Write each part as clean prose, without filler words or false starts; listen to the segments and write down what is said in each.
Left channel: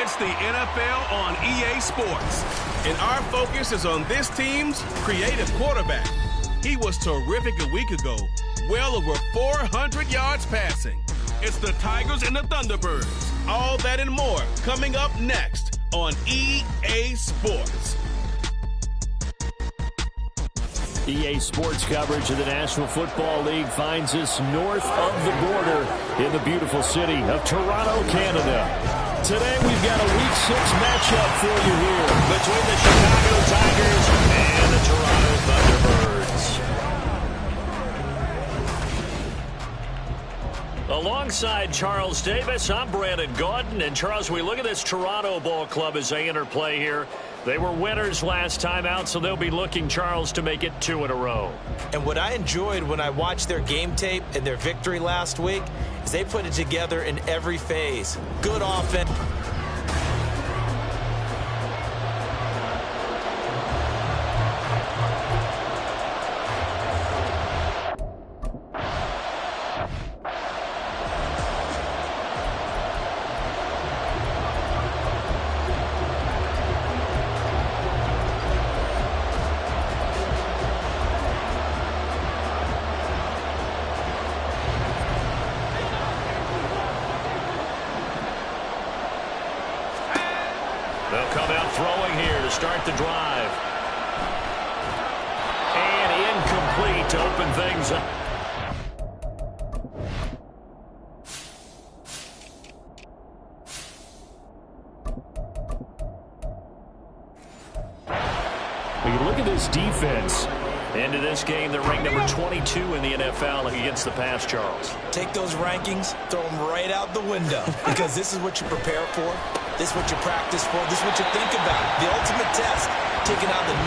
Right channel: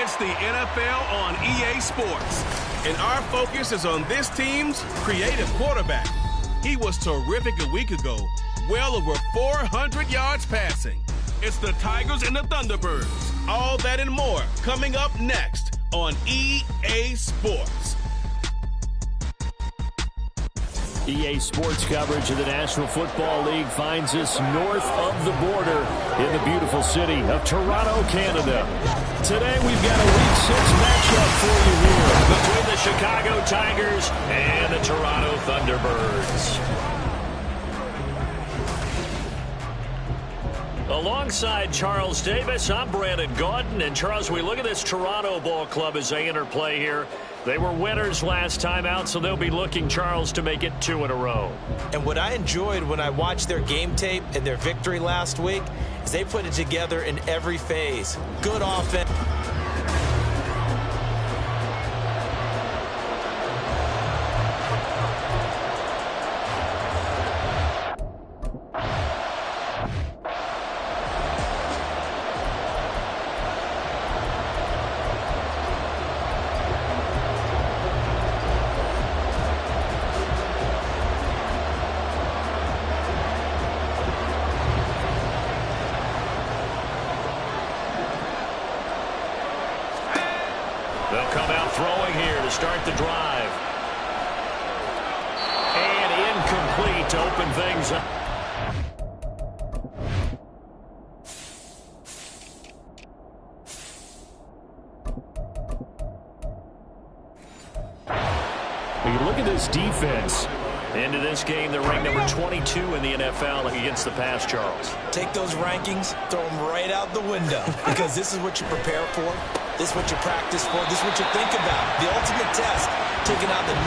It's the NFL on EA Sports, and our focus is on this team's creative quarterback. He was terrific a week ago, well over 400 yards passing. It's the Tigers and the Thunderbirds. All that and more coming up next on EA Sports. EA Sports coverage of the National Football League finds us north of the border in the beautiful city of Toronto, Canada. Today we've got a Week 6 matchup for you here between the Chicago Tigers and the Toronto Thunderbirds. Alongside Charles Davis, I'm Brandon Gaudin. And Charles, we look at this Toronto Ball Club as they enter play here. They were winners last time out, so they'll be looking, Charles, to make it 2 in a row. And what I enjoyed when I watched their game tape and their victory last week is they put it together in every phase. Good offense. They'll come out throwing here to start the drive. And incomplete to open things up. You look at this defense. Into this game, they're ranked number 22 in the NFL against the pass, Charles. Take those rankings, throw them right out the window, because this is what you prepare for. This is what you practice for. This is what you think about. The ultimate test, taking out the #1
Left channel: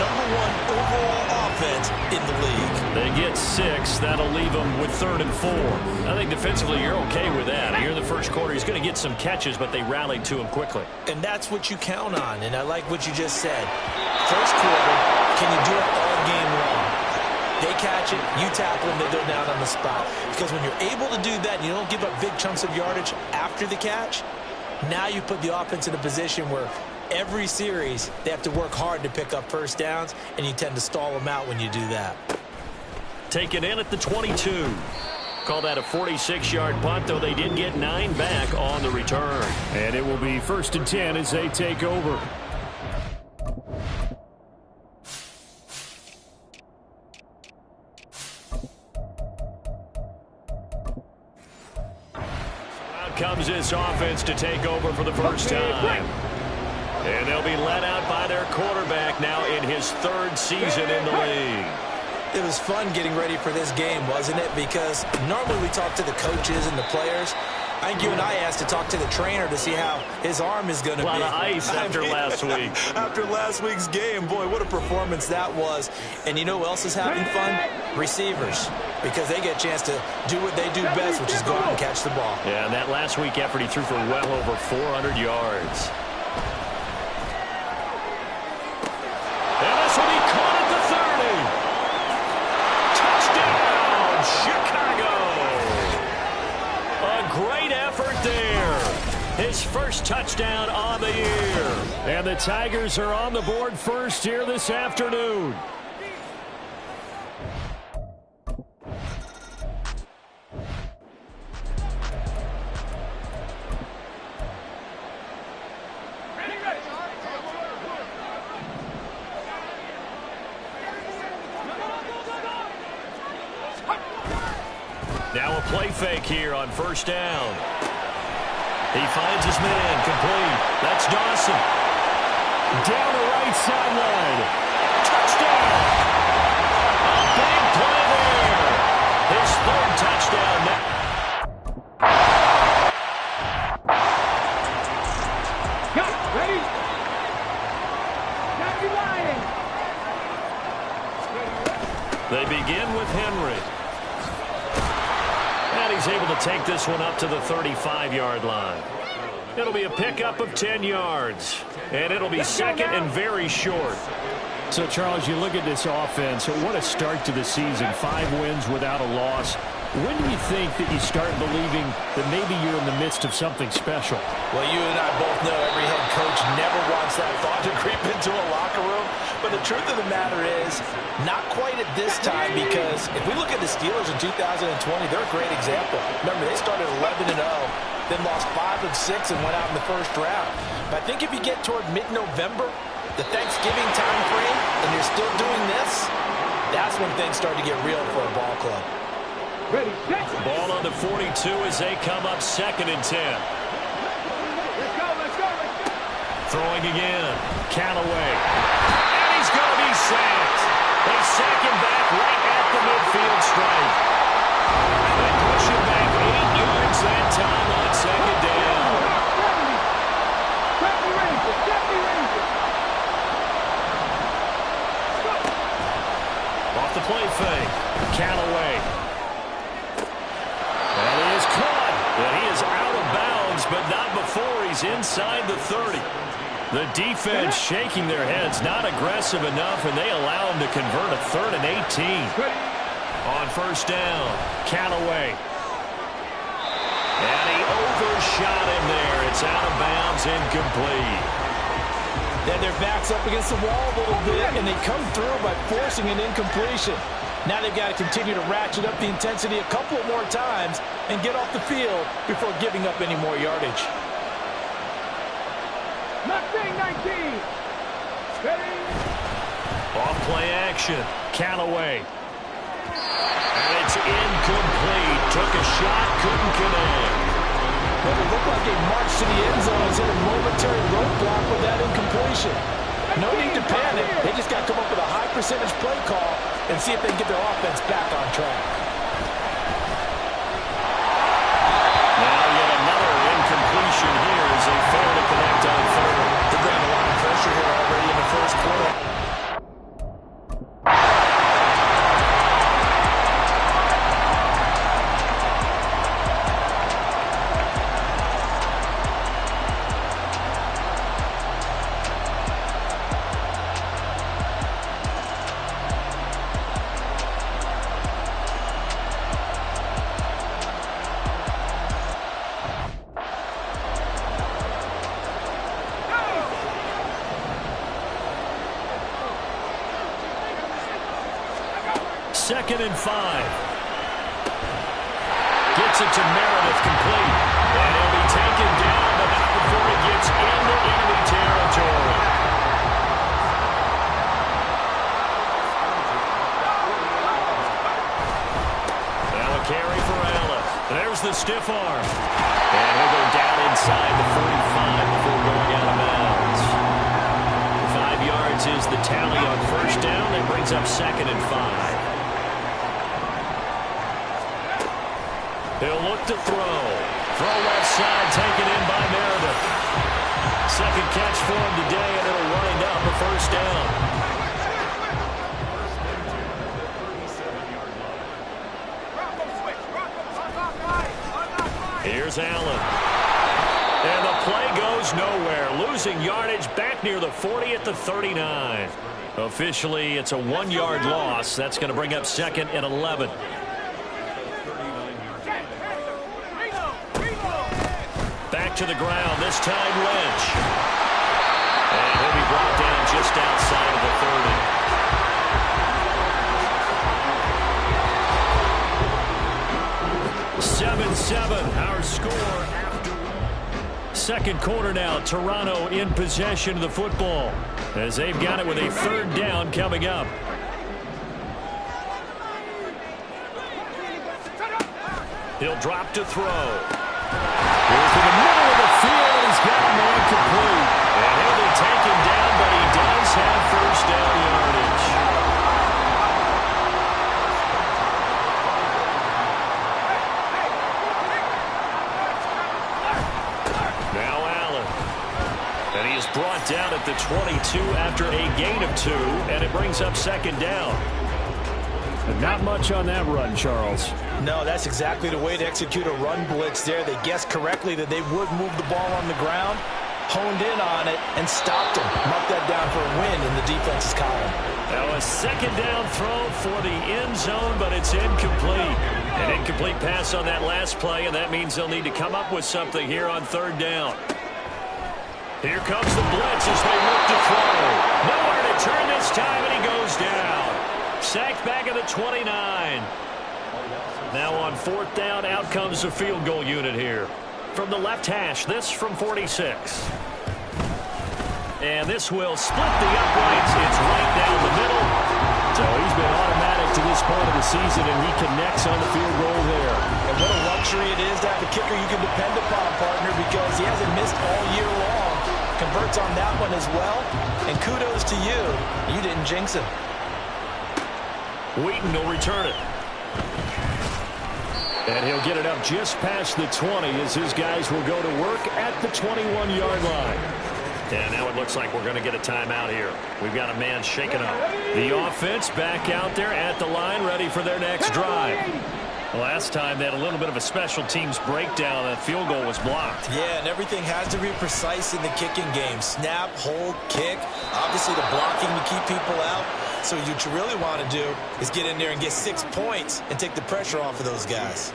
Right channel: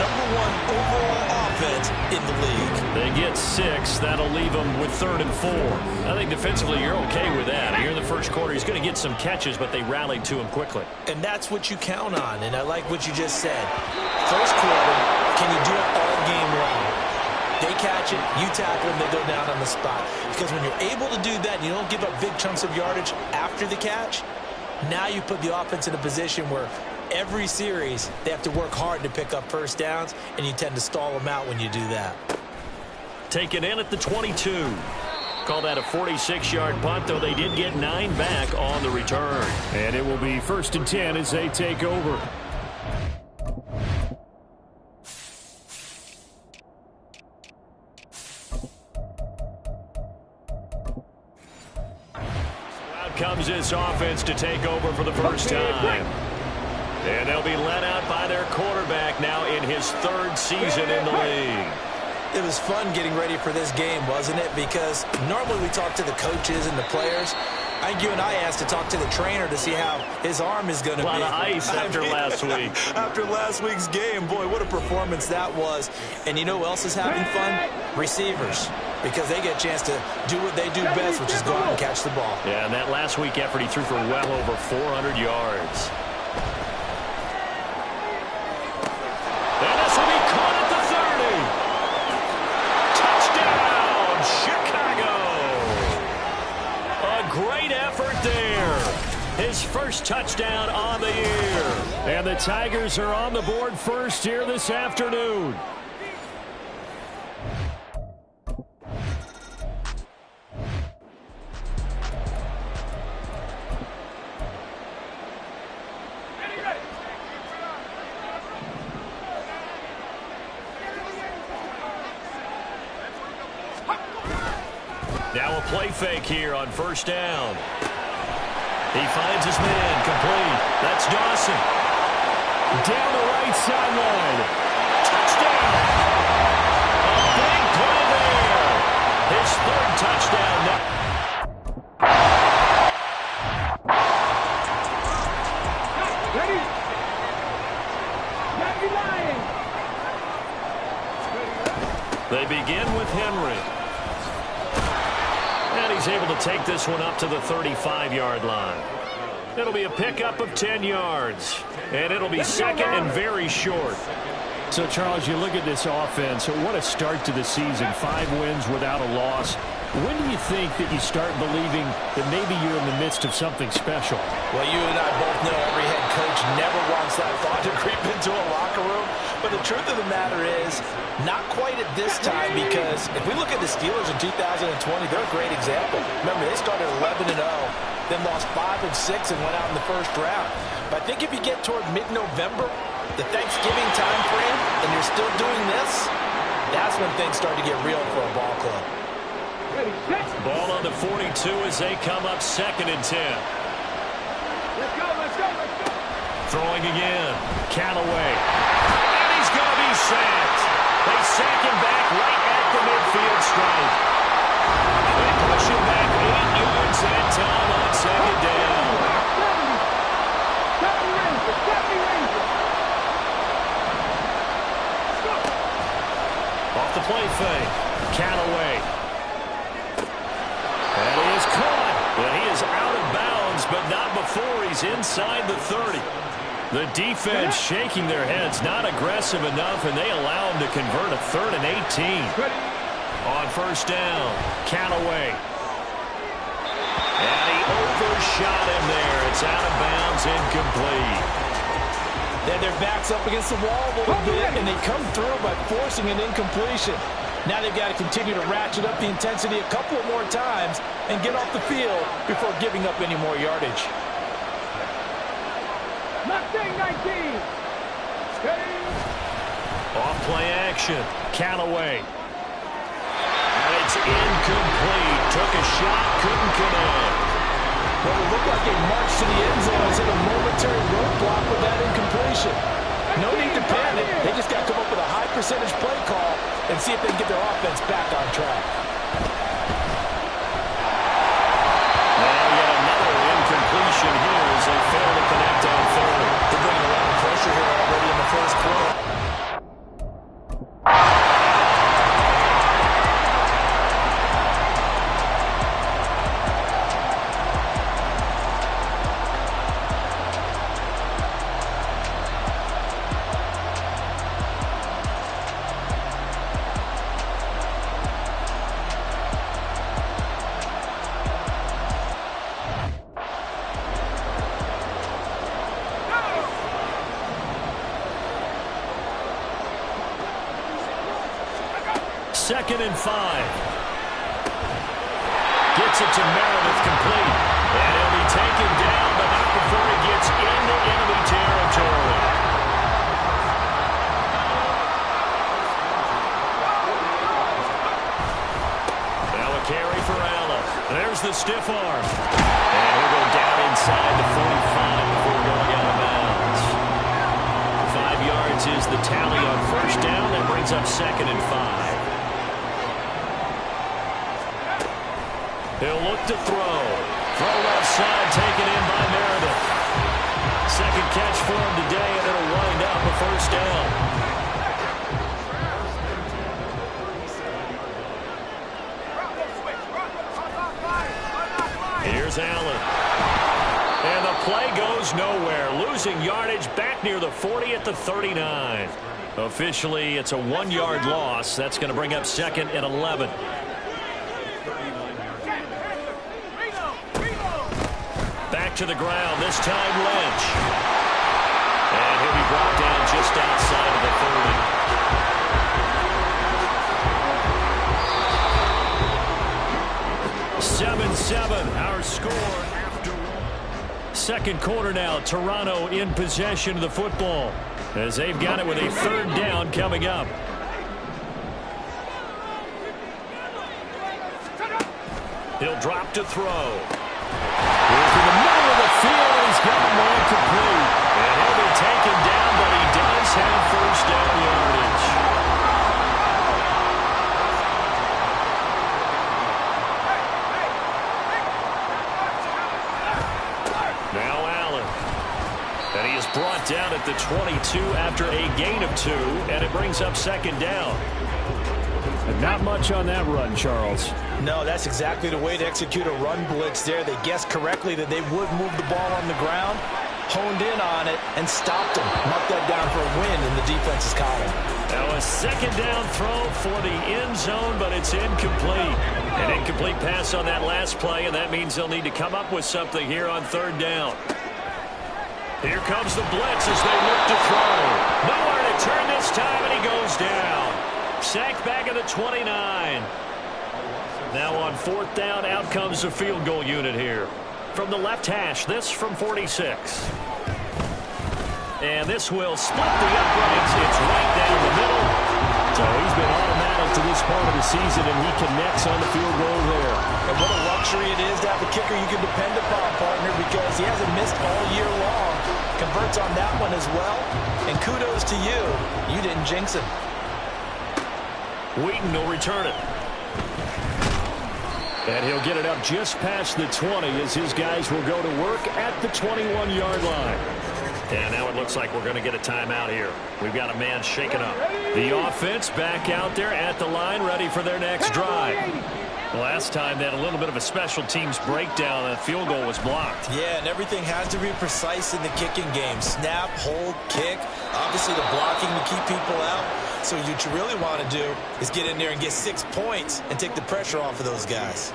overall offense in the league. They get 6. That'll leave them with 3rd and 4. I think defensively you're okay with that. Here in the first quarter, he's going to get some catches, but they rallied to him quickly. And that's what you count on, and I like what you just said. First quarter, can you do it all game long? They catch it, you tackle them, they go down on the spot. Because when you're able to do that and you don't give up big chunks of yardage after the catch, now you put the offense in a position where every series they have to work hard to pick up first downs, and you tend to stall them out when you do that. Taken in at the 22. Call that a 46-yard punt, though they did get 9 back on the return. And it will be 1st and 10 as they take over. Comes this offense to take over for the first time. And they'll be let out by their quarterback now in his 3rd season in the league. It was fun getting ready for this game, wasn't it? Because normally we talk to the coaches and the players. I think you and I asked to talk to the trainer to see how his arm is going to be. A lot of ice after last week. After last week's game, boy, what a performance that was. And you know who else is having fun? Receivers. Because they get a chance to do what they do best, which is go out and catch the ball. Yeah, and that last week effort, he threw for well over 400 yards. And this will be caught at the 30. Touchdown, Chicago. A great effort there. His first touchdown on the year. And the Tigers are on the board first here this afternoon. Now a play fake here on first down. He finds his man, complete. That's Dawson. Down the right sideline. Touchdown! A big play there. His 3rd touchdown now. Ready? Got you lying. They begin with Henry. And he's able to take this one up to the 35-yard line. It'll be a pickup of 10 yards. And it'll be 2nd and very short. So, Charles, you look at this offense. What a start to the season. 5 wins without a loss. When do you think that you start believing that maybe you're in the midst of something special? Well, you and I both know every head coach never wants that thought to creep into a locker room. But the truth of the matter is, not quite at this time, because if we look at the Steelers in 2020, they're a great example. Remember, they started 11-0, then lost 5 of 6 and went out in the first round. But I think if you get toward mid-November, the Thanksgiving time frame, and you're still doing this, that's when things start to get real for a ball club. Ready, set. Ball on the 42 as they come up 2nd and 10. Let's go, let's go, let's go. Throwing again. Callaway. And he's going to be sacked. They sack him back right at the midfield stripe. They push him back 8 yards that time on 2nd down. 70 Rangers, 70 Rangers. Let's go. Off the play fake. Callaway. And he is caught. And he is out of bounds, but not before he's inside the 30. The defense shaking their heads, not aggressive enough, and they allow him to convert a 3rd and 18. On 1st down, Callaway. And he overshot him there. It's out of bounds, incomplete. Then their back's up against the wall a little bit, and they come through by forcing an incompletion. Now they've got to continue to ratchet up the intensity a couple more times and get off the field before giving up any more yardage. Mustang 19. Steady. Off play action. Callaway. And it's incomplete. Took a shot, couldn't connect. Well, it looked like a march to the end zone has hit a momentary roadblock with that incompletion. No need to panic. They just got to come up with a high percentage play call and see if they can get their offense back on track. Now yet another incompletion here as they fail to connect on 3rd. They're bringing a lot of pressure here already in the first quarter. Second and 5. Gets it to Meredith, complete. And he'll be taken down, but not before he gets into enemy territory. Now a carry for Allen. There's the stiff arm. And he'll go down inside the 45 before going out of bounds. 5 yards is the tally on 1st down. That brings up 2nd and 5. He'll look to throw. Throw left side, taken in by Meredith. Second catch for him today, and it'll wind up a 1st down. Here's Allen. And the play goes nowhere. Losing yardage back near the 40 at the 39. Officially, it's a 1-yard loss. That's going to bring up 2nd and 11. Back to the ground, this time Lynch. And he'll be brought down just outside of the 30. 7-7, our score after 2nd quarter now. Toronto in possession of the football as they've got it with a 3rd down coming up. He'll drop to throw. Goes to the middle of the field, and he's got a man complete. And he'll be taken down, but he does have 1st down yardage. Now Allen. And he is brought down at the 22 after a gain of 2, and it brings up 2nd down. And not much on that run, Charles. No, that's exactly the way to execute a run blitz there. They guessed correctly that they would move the ball on the ground, honed in on it, and stopped them. Marked that down for a win in the defense's column. Now a 2nd down throw for the end zone, but it's incomplete. An incomplete pass on that last play, and that means they'll need to come up with something here on third down. Here comes the blitz as they look to throw. Nowhere to turn this time, and he goes down. Sacked back at the 29. Now on fourth down, out comes the field goal unit here. From the left hash, this from 46. And this will split the uprights. It's right down the middle. So he's been automatic to this part of the season, and he connects on the field goal there. And what a luxury it is to have a kicker you can depend upon, partner, because he hasn't missed all year long. Converts on that one as well. And kudos to you. You didn't jinx him. Wheaton will return it. And he'll get it up just past the 20 as his guys will go to work at the 21-yard line. And now it looks like we're going to get a timeout here. We've got a man shaken up. The offense back out there at the line, ready for their next drive. Last time they had a little bit of a special teams breakdown. That field goal was blocked. Yeah, and everything has to be precise in the kicking game. Snap, hold, kick. Obviously the blocking to keep people out. So what you really want to do is get in there and get 6 points and take the pressure off of those guys.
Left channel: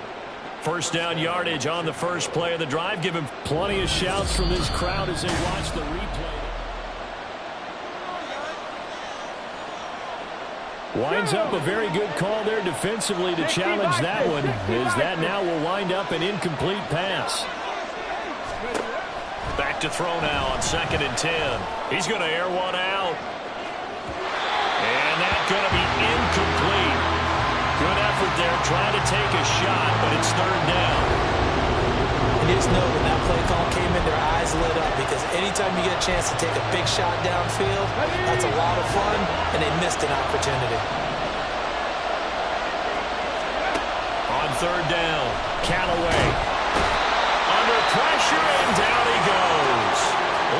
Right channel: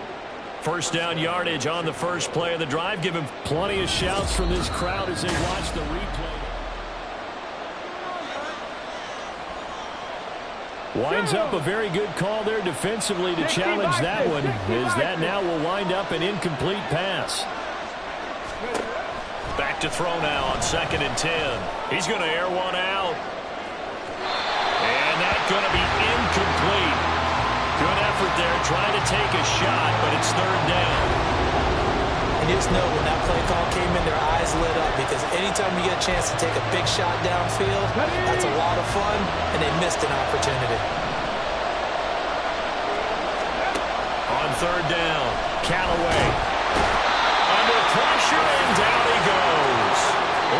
First down yardage on the first play of the drive. Give him plenty of shouts from this crowd as they watch the replay. Winds up a very good call there defensively to challenge that one, as that now will wind up an incomplete pass. Back to throw now on 2nd and 10. He's going to air one out. And that's going to be incomplete. Good effort there, trying to take a shot, but it's third down. And just know when that play call came in, their eyes lit up, because anytime you get a chance to take a big shot downfield, that's a lot of fun, and they missed an opportunity. On third down, Callaway. Under pressure, and down he goes.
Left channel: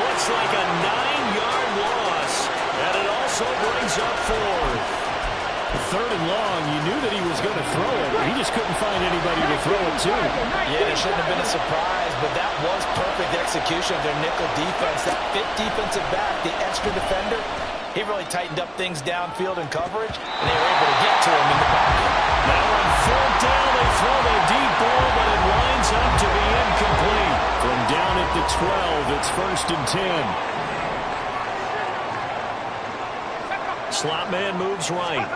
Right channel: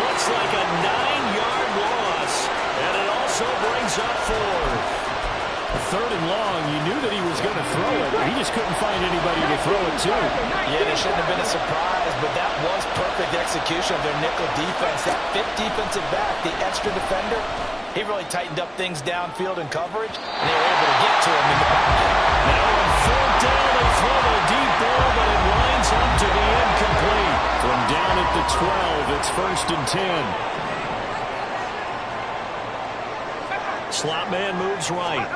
Looks like a 9-yard loss, and it also brings up fourth. Third and long, you knew that he was going to throw it. He just couldn't find anybody to throw it to. Yeah, it shouldn't have been a surprise, but that was perfect execution of their nickel defense. That fifth defensive back, the extra defender, he really tightened up things downfield in coverage, and they were able to get to him in the pocket. Now on fourth down, they throw the deep ball, but it lines up to be incomplete. From down at the 12, it's 1st and 10. Slot man moves right.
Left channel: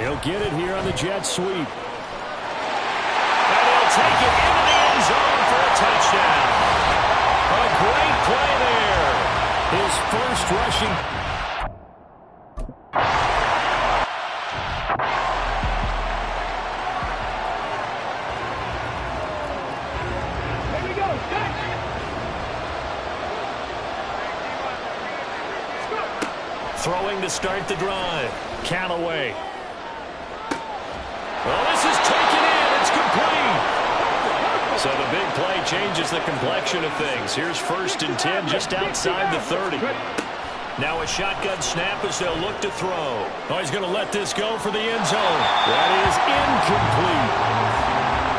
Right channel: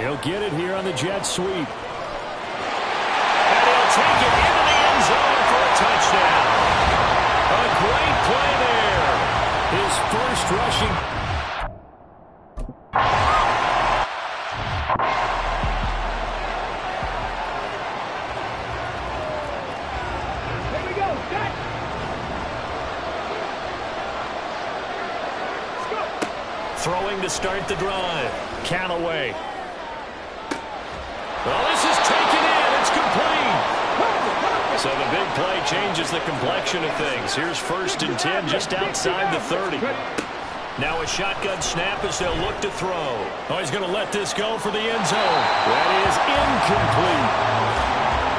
He'll get it here on the jet sweep. And he'll take it into the end zone for a touchdown. A great play there. His first rushing. Here we go. Set. Throwing to start the drive. Callaway. Well, this is taken in. It's complete. So the big play changes the complexion of things. Here's 1st and 10 just outside the 30. Now a shotgun snap as they'll look to throw. Oh, he's going to let this go for the end zone. That is incomplete.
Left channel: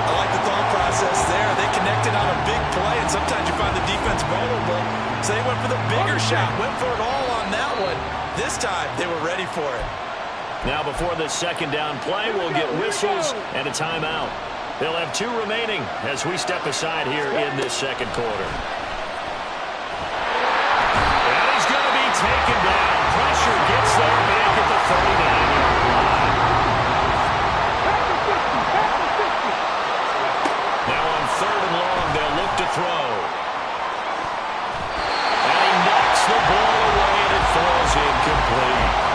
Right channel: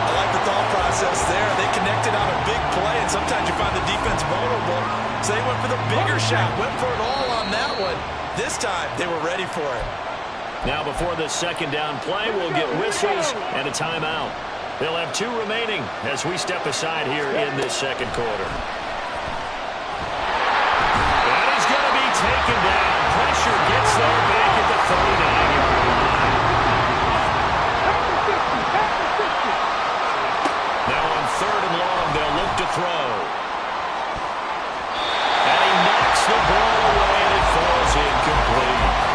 I like the thought process there. They connected on a big play, and sometimes you find the defense vulnerable. So they went for the bigger shot, went for it all on that one. This time, they were ready for it. Now before this second down play, we'll get whistles and a timeout. They'll have 2 remaining as we step aside here in this second quarter. And he's going to be taken down. Pressure gets there back at the 39-yard line. Now on 3rd and long, they'll look to throw. And he knocks the ball away, and it falls incomplete.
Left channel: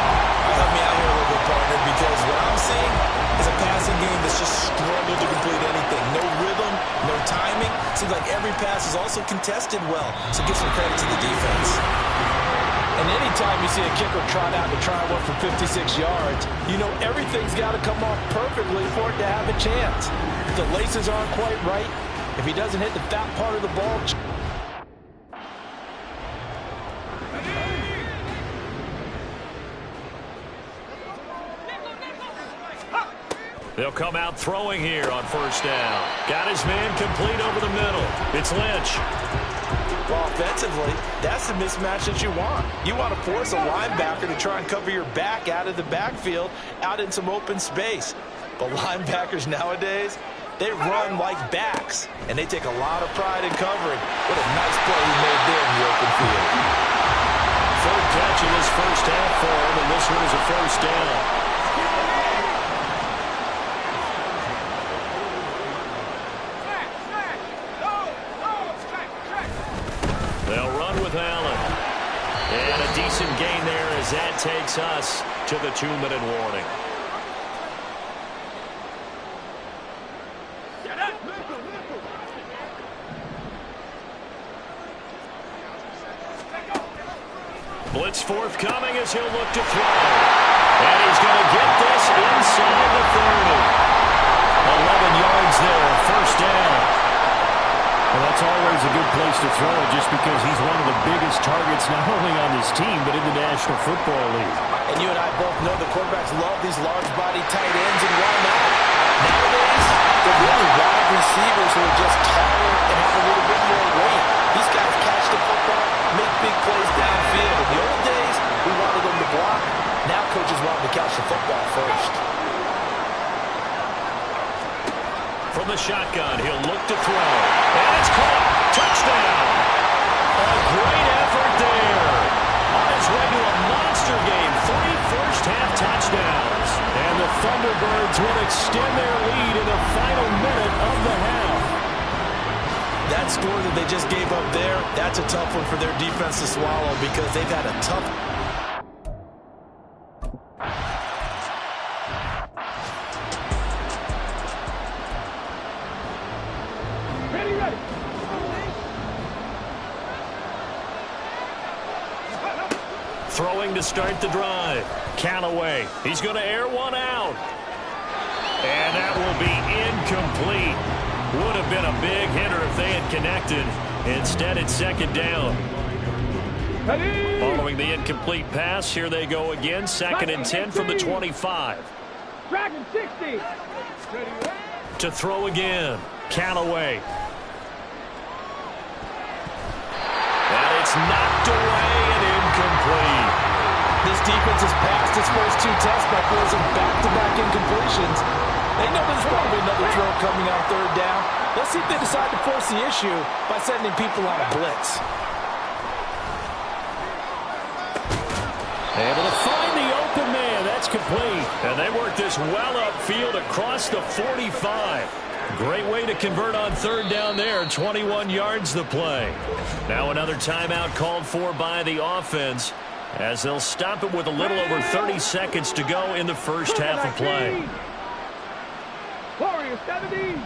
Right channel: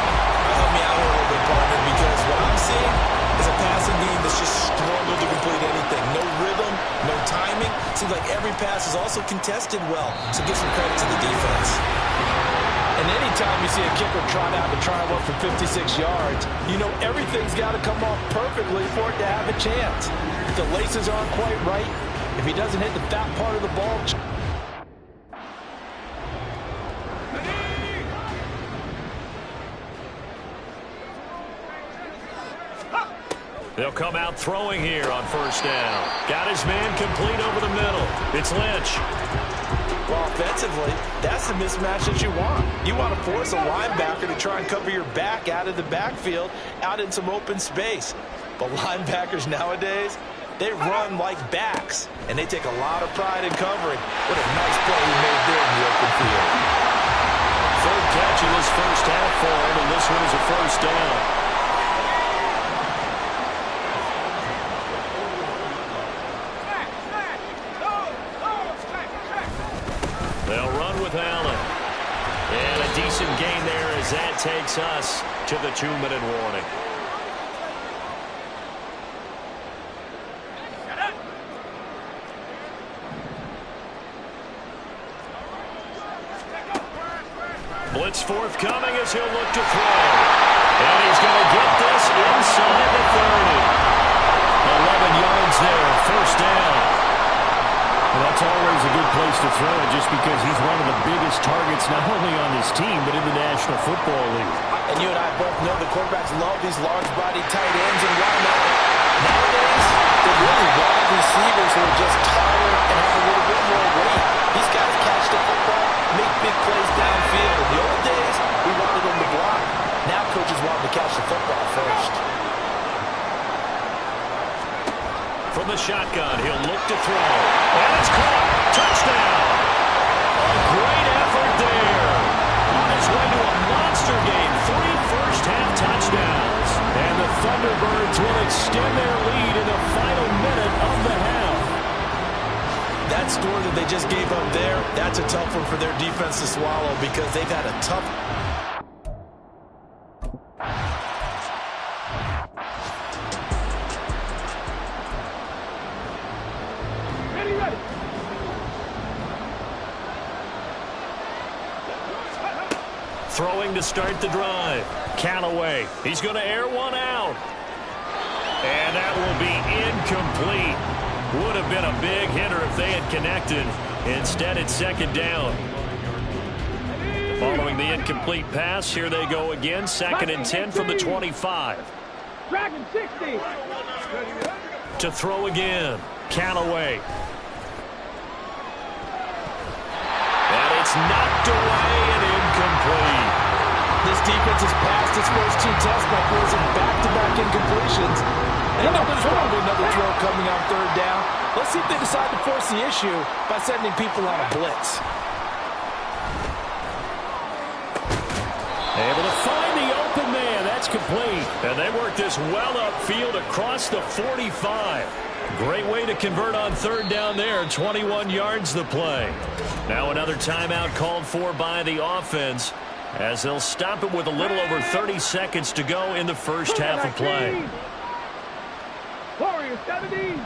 Help me out here a little bit, partner, because what I'm seeing is a passing game that's just struggled to complete anything. No rhythm, no timing. Seems like every pass is also contested well, so give some credit to the defense. And anytime you see a kicker trot out to try one for 56 yards, you know everything's got to come off perfectly for it to have a chance. If the laces aren't quite right, if he doesn't hit the fat part of the ball, they'll come out throwing here on 1st down. Got his man complete over the middle. It's Lynch. Well, offensively, that's the mismatch that you want. You want to force a linebacker to try and cover your back out of the backfield, out in some open space. But linebackers nowadays, they run like backs, and they take a lot of pride in covering. What a nice play he made there in the open field. Third catch in this first half for him, and this one is a first down. They'll run with Allen. And a decent gain there as that takes us to the 2-minute warning. Blitz forthcoming as he'll look to throw. And he's going to get this inside the 30. 11 yards there, first down. Well, that's always a good place to throw it just because he's one of the biggest targets not only on this team but in the National Football League. And you and I both know the quarterbacks love these large-body tight ends, and why not? Nowadays, they're really wide receivers who are just taller and have a little bit more weight. These guys catch the football, make big plays downfield. In the old days, we wanted them to block. Now coaches want them to catch the football first. From the shotgun, he'll look to throw. And it's caught. Touchdown. A great effort there. On his way to a monster game. 3 first-half touchdowns. And the Thunderbirds will extend their lead in the final minute of the half. That score that they just gave up there, that's a tough one for their defense to swallow because they've had a tough... Throwing to start the drive. Callaway. He's going to air one out. And that will be incomplete. Would have been a big hitter if they had connected. Instead, it's second down. Following the incomplete pass, here they go again. Second and 10 from the 25. Dragon 60. To throw again. Callaway. And it's knocked away and incomplete. This defense has passed its first 2 tests by forcing back-to-back incompletions. They know there's probably another throw coming on third down. Let's see if they decide to force the issue by sending people on a blitz. Able to find the open man. That's complete. And they work this well upfield across the 45. Great way to convert on third down there. 21 yards the play. Now another timeout called for by the offense as they'll stop it with a little over 30 seconds to go in the first half of play. Warrior 70.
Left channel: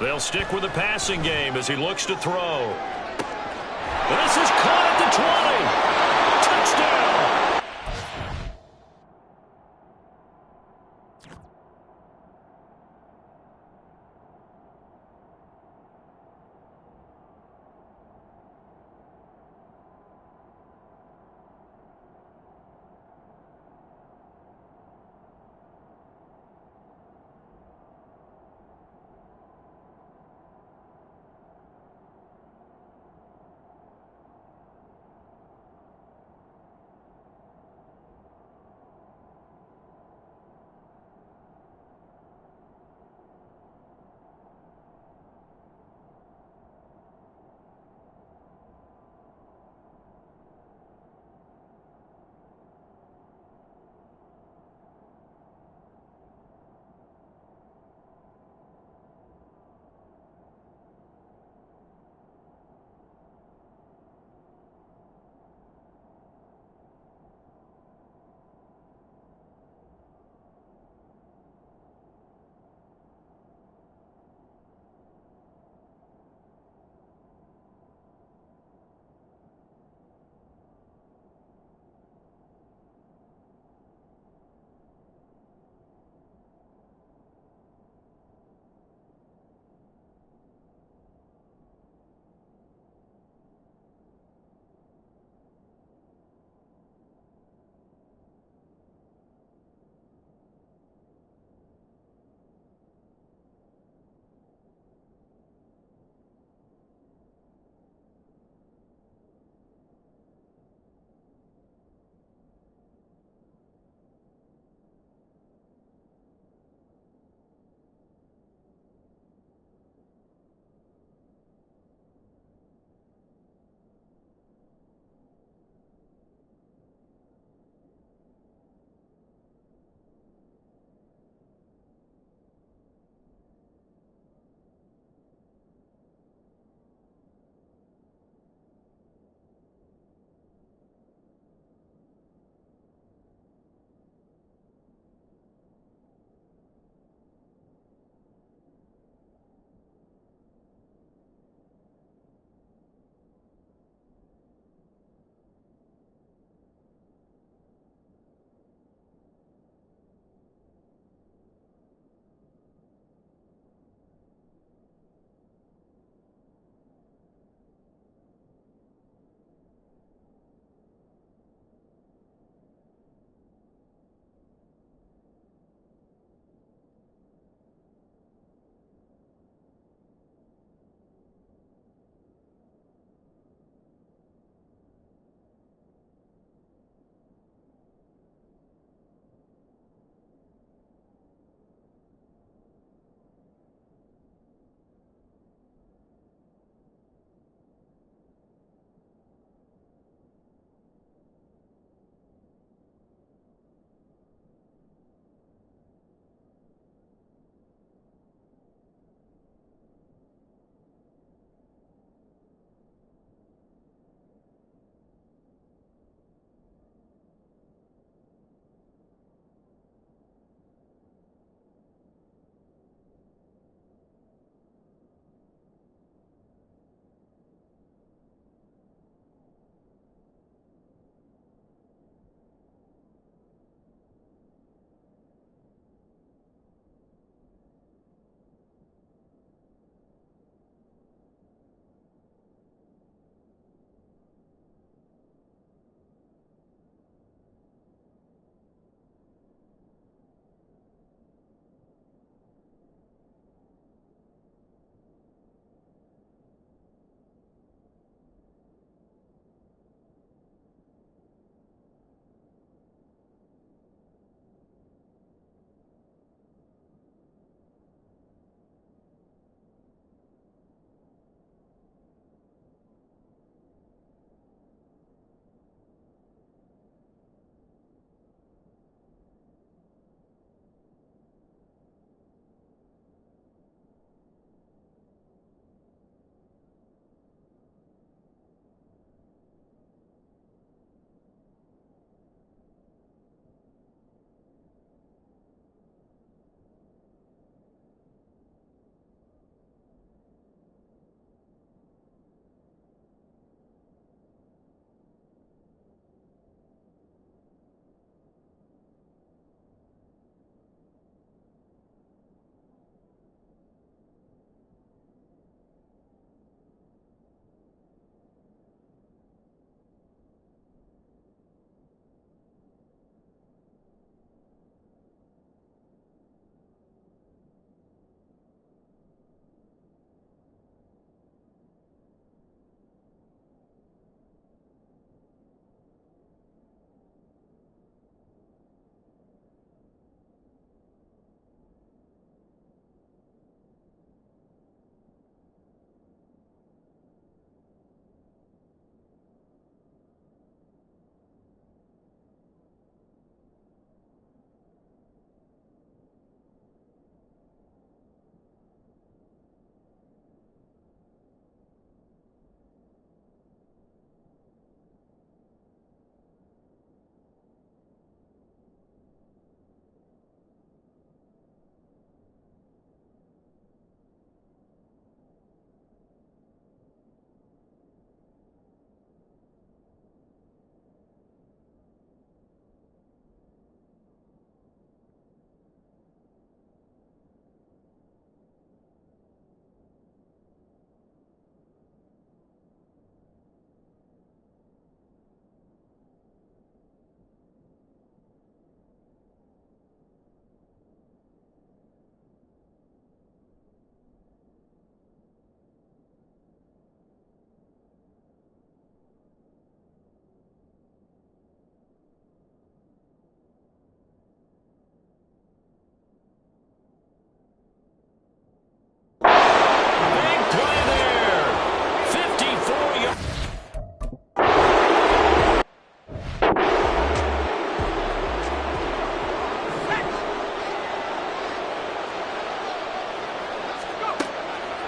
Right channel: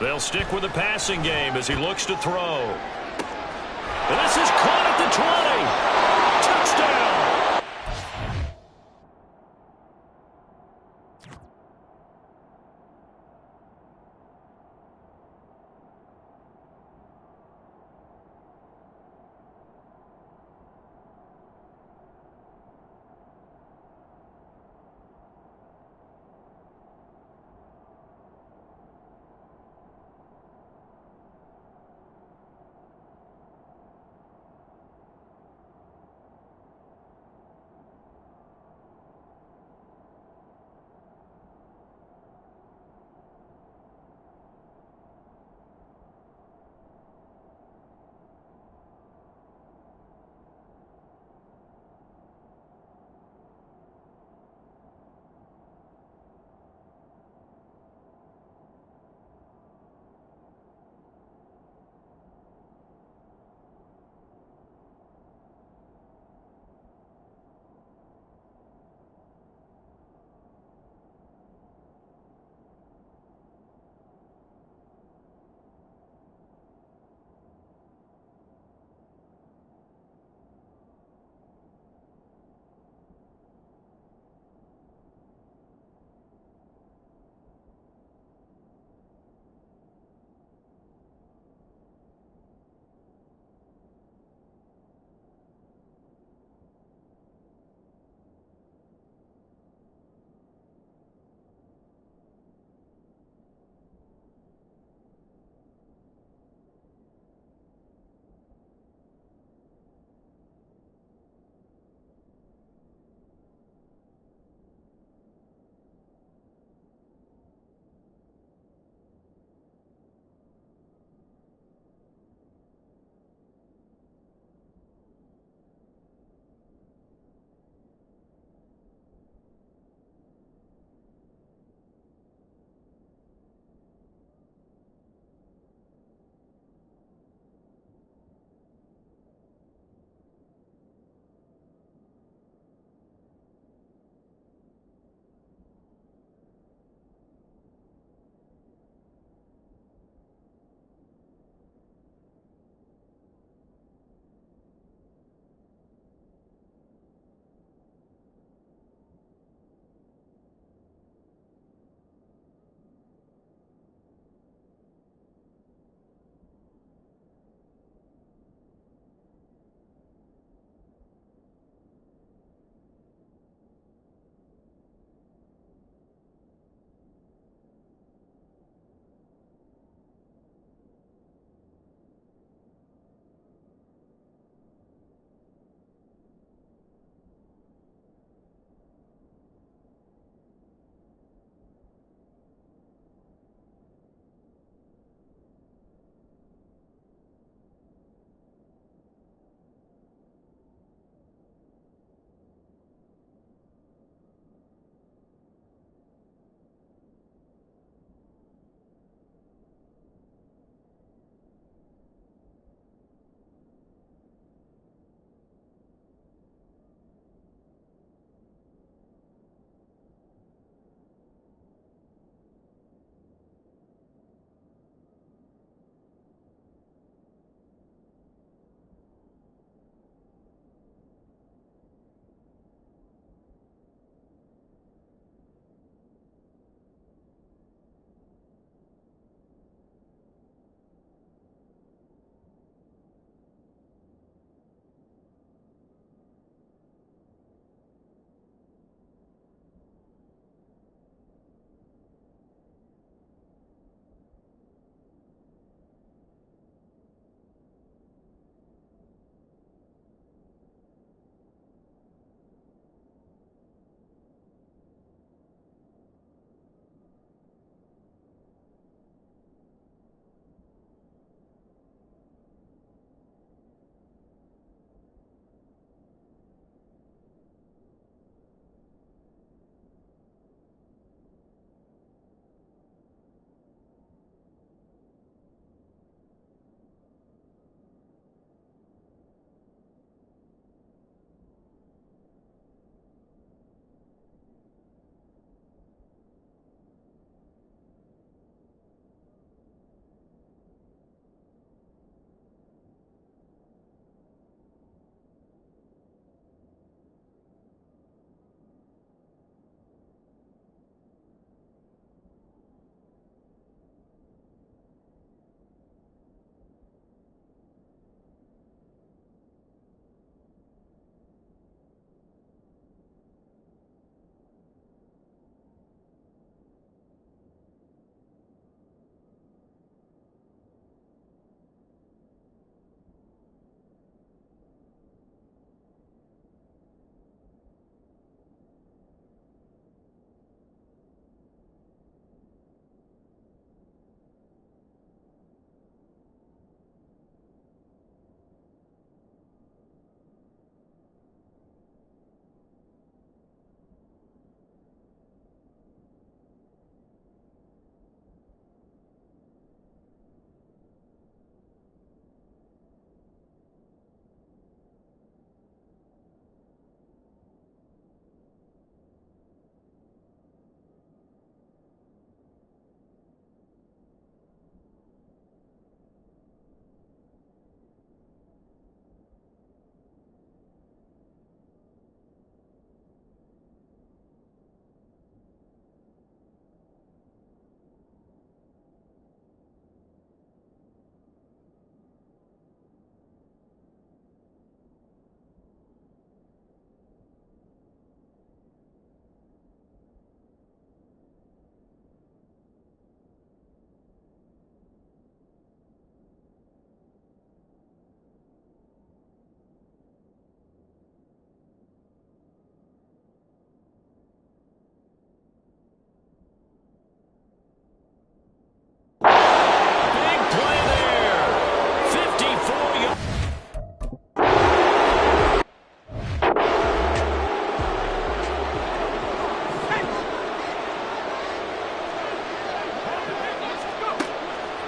They'll stick with the passing game as he looks to throw. And this is caught at the 20. Touchdown.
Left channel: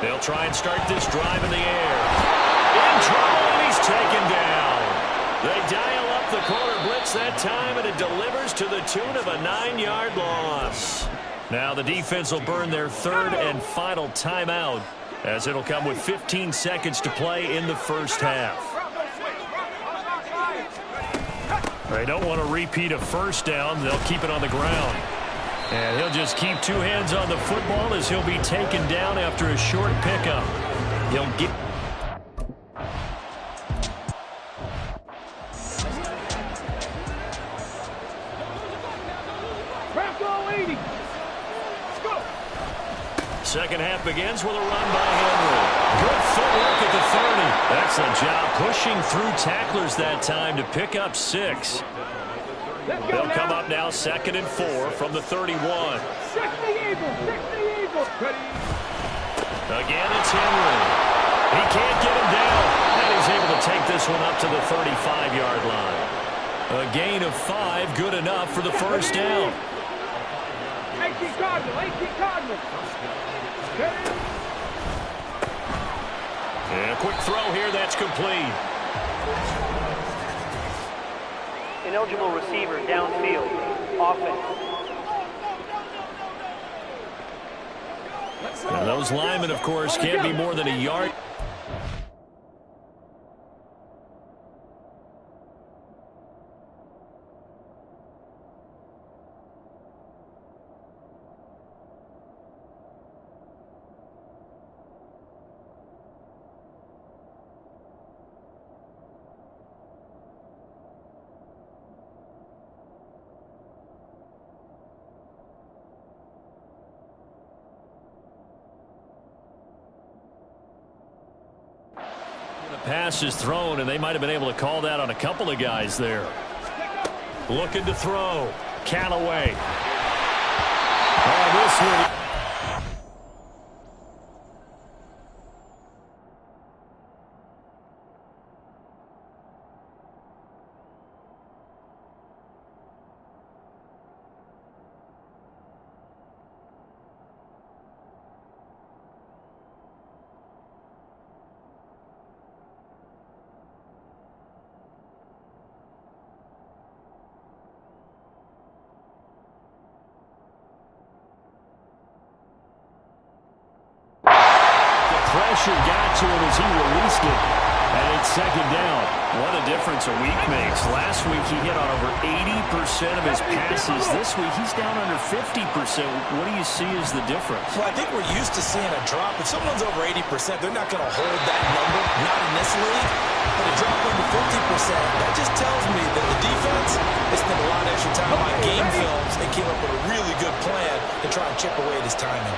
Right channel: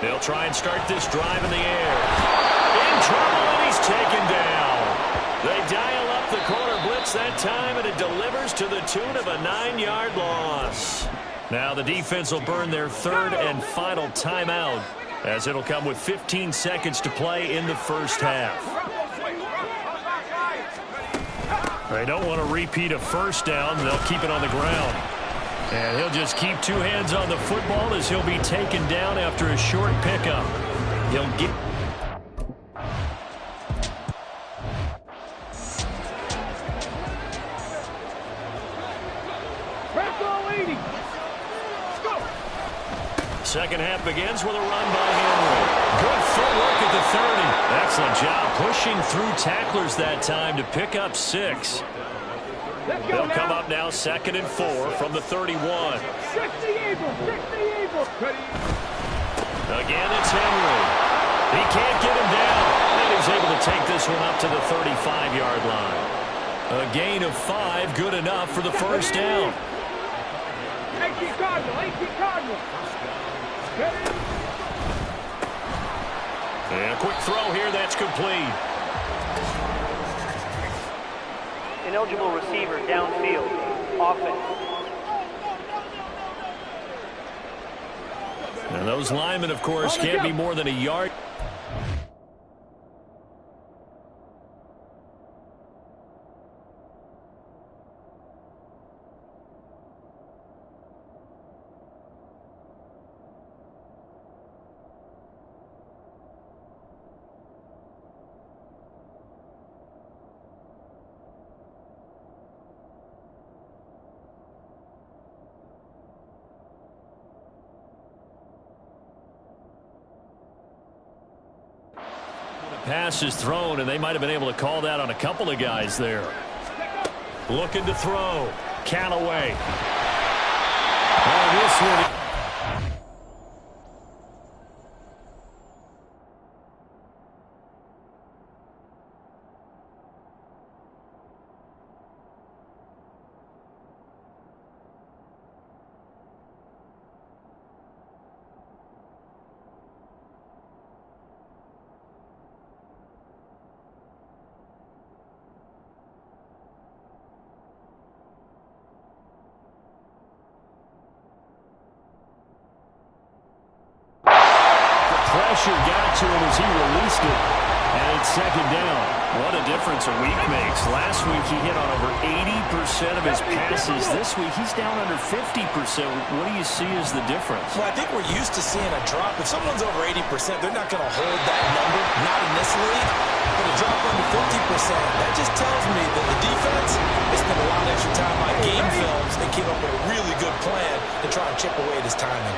They'll try and start this drive in the air. In trouble, and he's taken down. They dial up the corner blitz that time, and it delivers to the tune of a 9-yard loss. Now the defense will burn their third and final timeout, as it'll come with 15 seconds to play in the first half. They don't want to repeat a first down. They'll keep it on the ground. And he'll just keep two hands on the football as he'll be taken down after a short pickup. He'll get... Second half begins with a run by Henry. Good footwork at the 30. Excellent job pushing through tacklers that time to pick up 6. They'll come up now 2nd and 4 from the 31. 60 Eagles. Again, it's Henry. He can't get him down, and he's able to take this one up to the 35-yard line. A gain of 5, good enough for the first down. 18 Cardinal. And a quick throw here, that's complete. Ineligible receiver downfield. Offense. And those linemen, of course, can't be more than a yard. Pass is thrown, and they might have been able to call that on a couple of guys there. Looking to throw. Callaway. Oh, this one. Pressure got to him as he released it, and it's 2nd down. What a difference a week makes. Last week he hit on over 80% of his passes. This week he's down under 50%. What do you see as the difference? Well, I think we're used to seeing a drop. If someone's over 80%, they're not going to hold that number, not in this league. But a drop under 50%, that just tells me that the defense has spent a lot of extra time on game films and came up with a really good plan to try and chip away at his timing.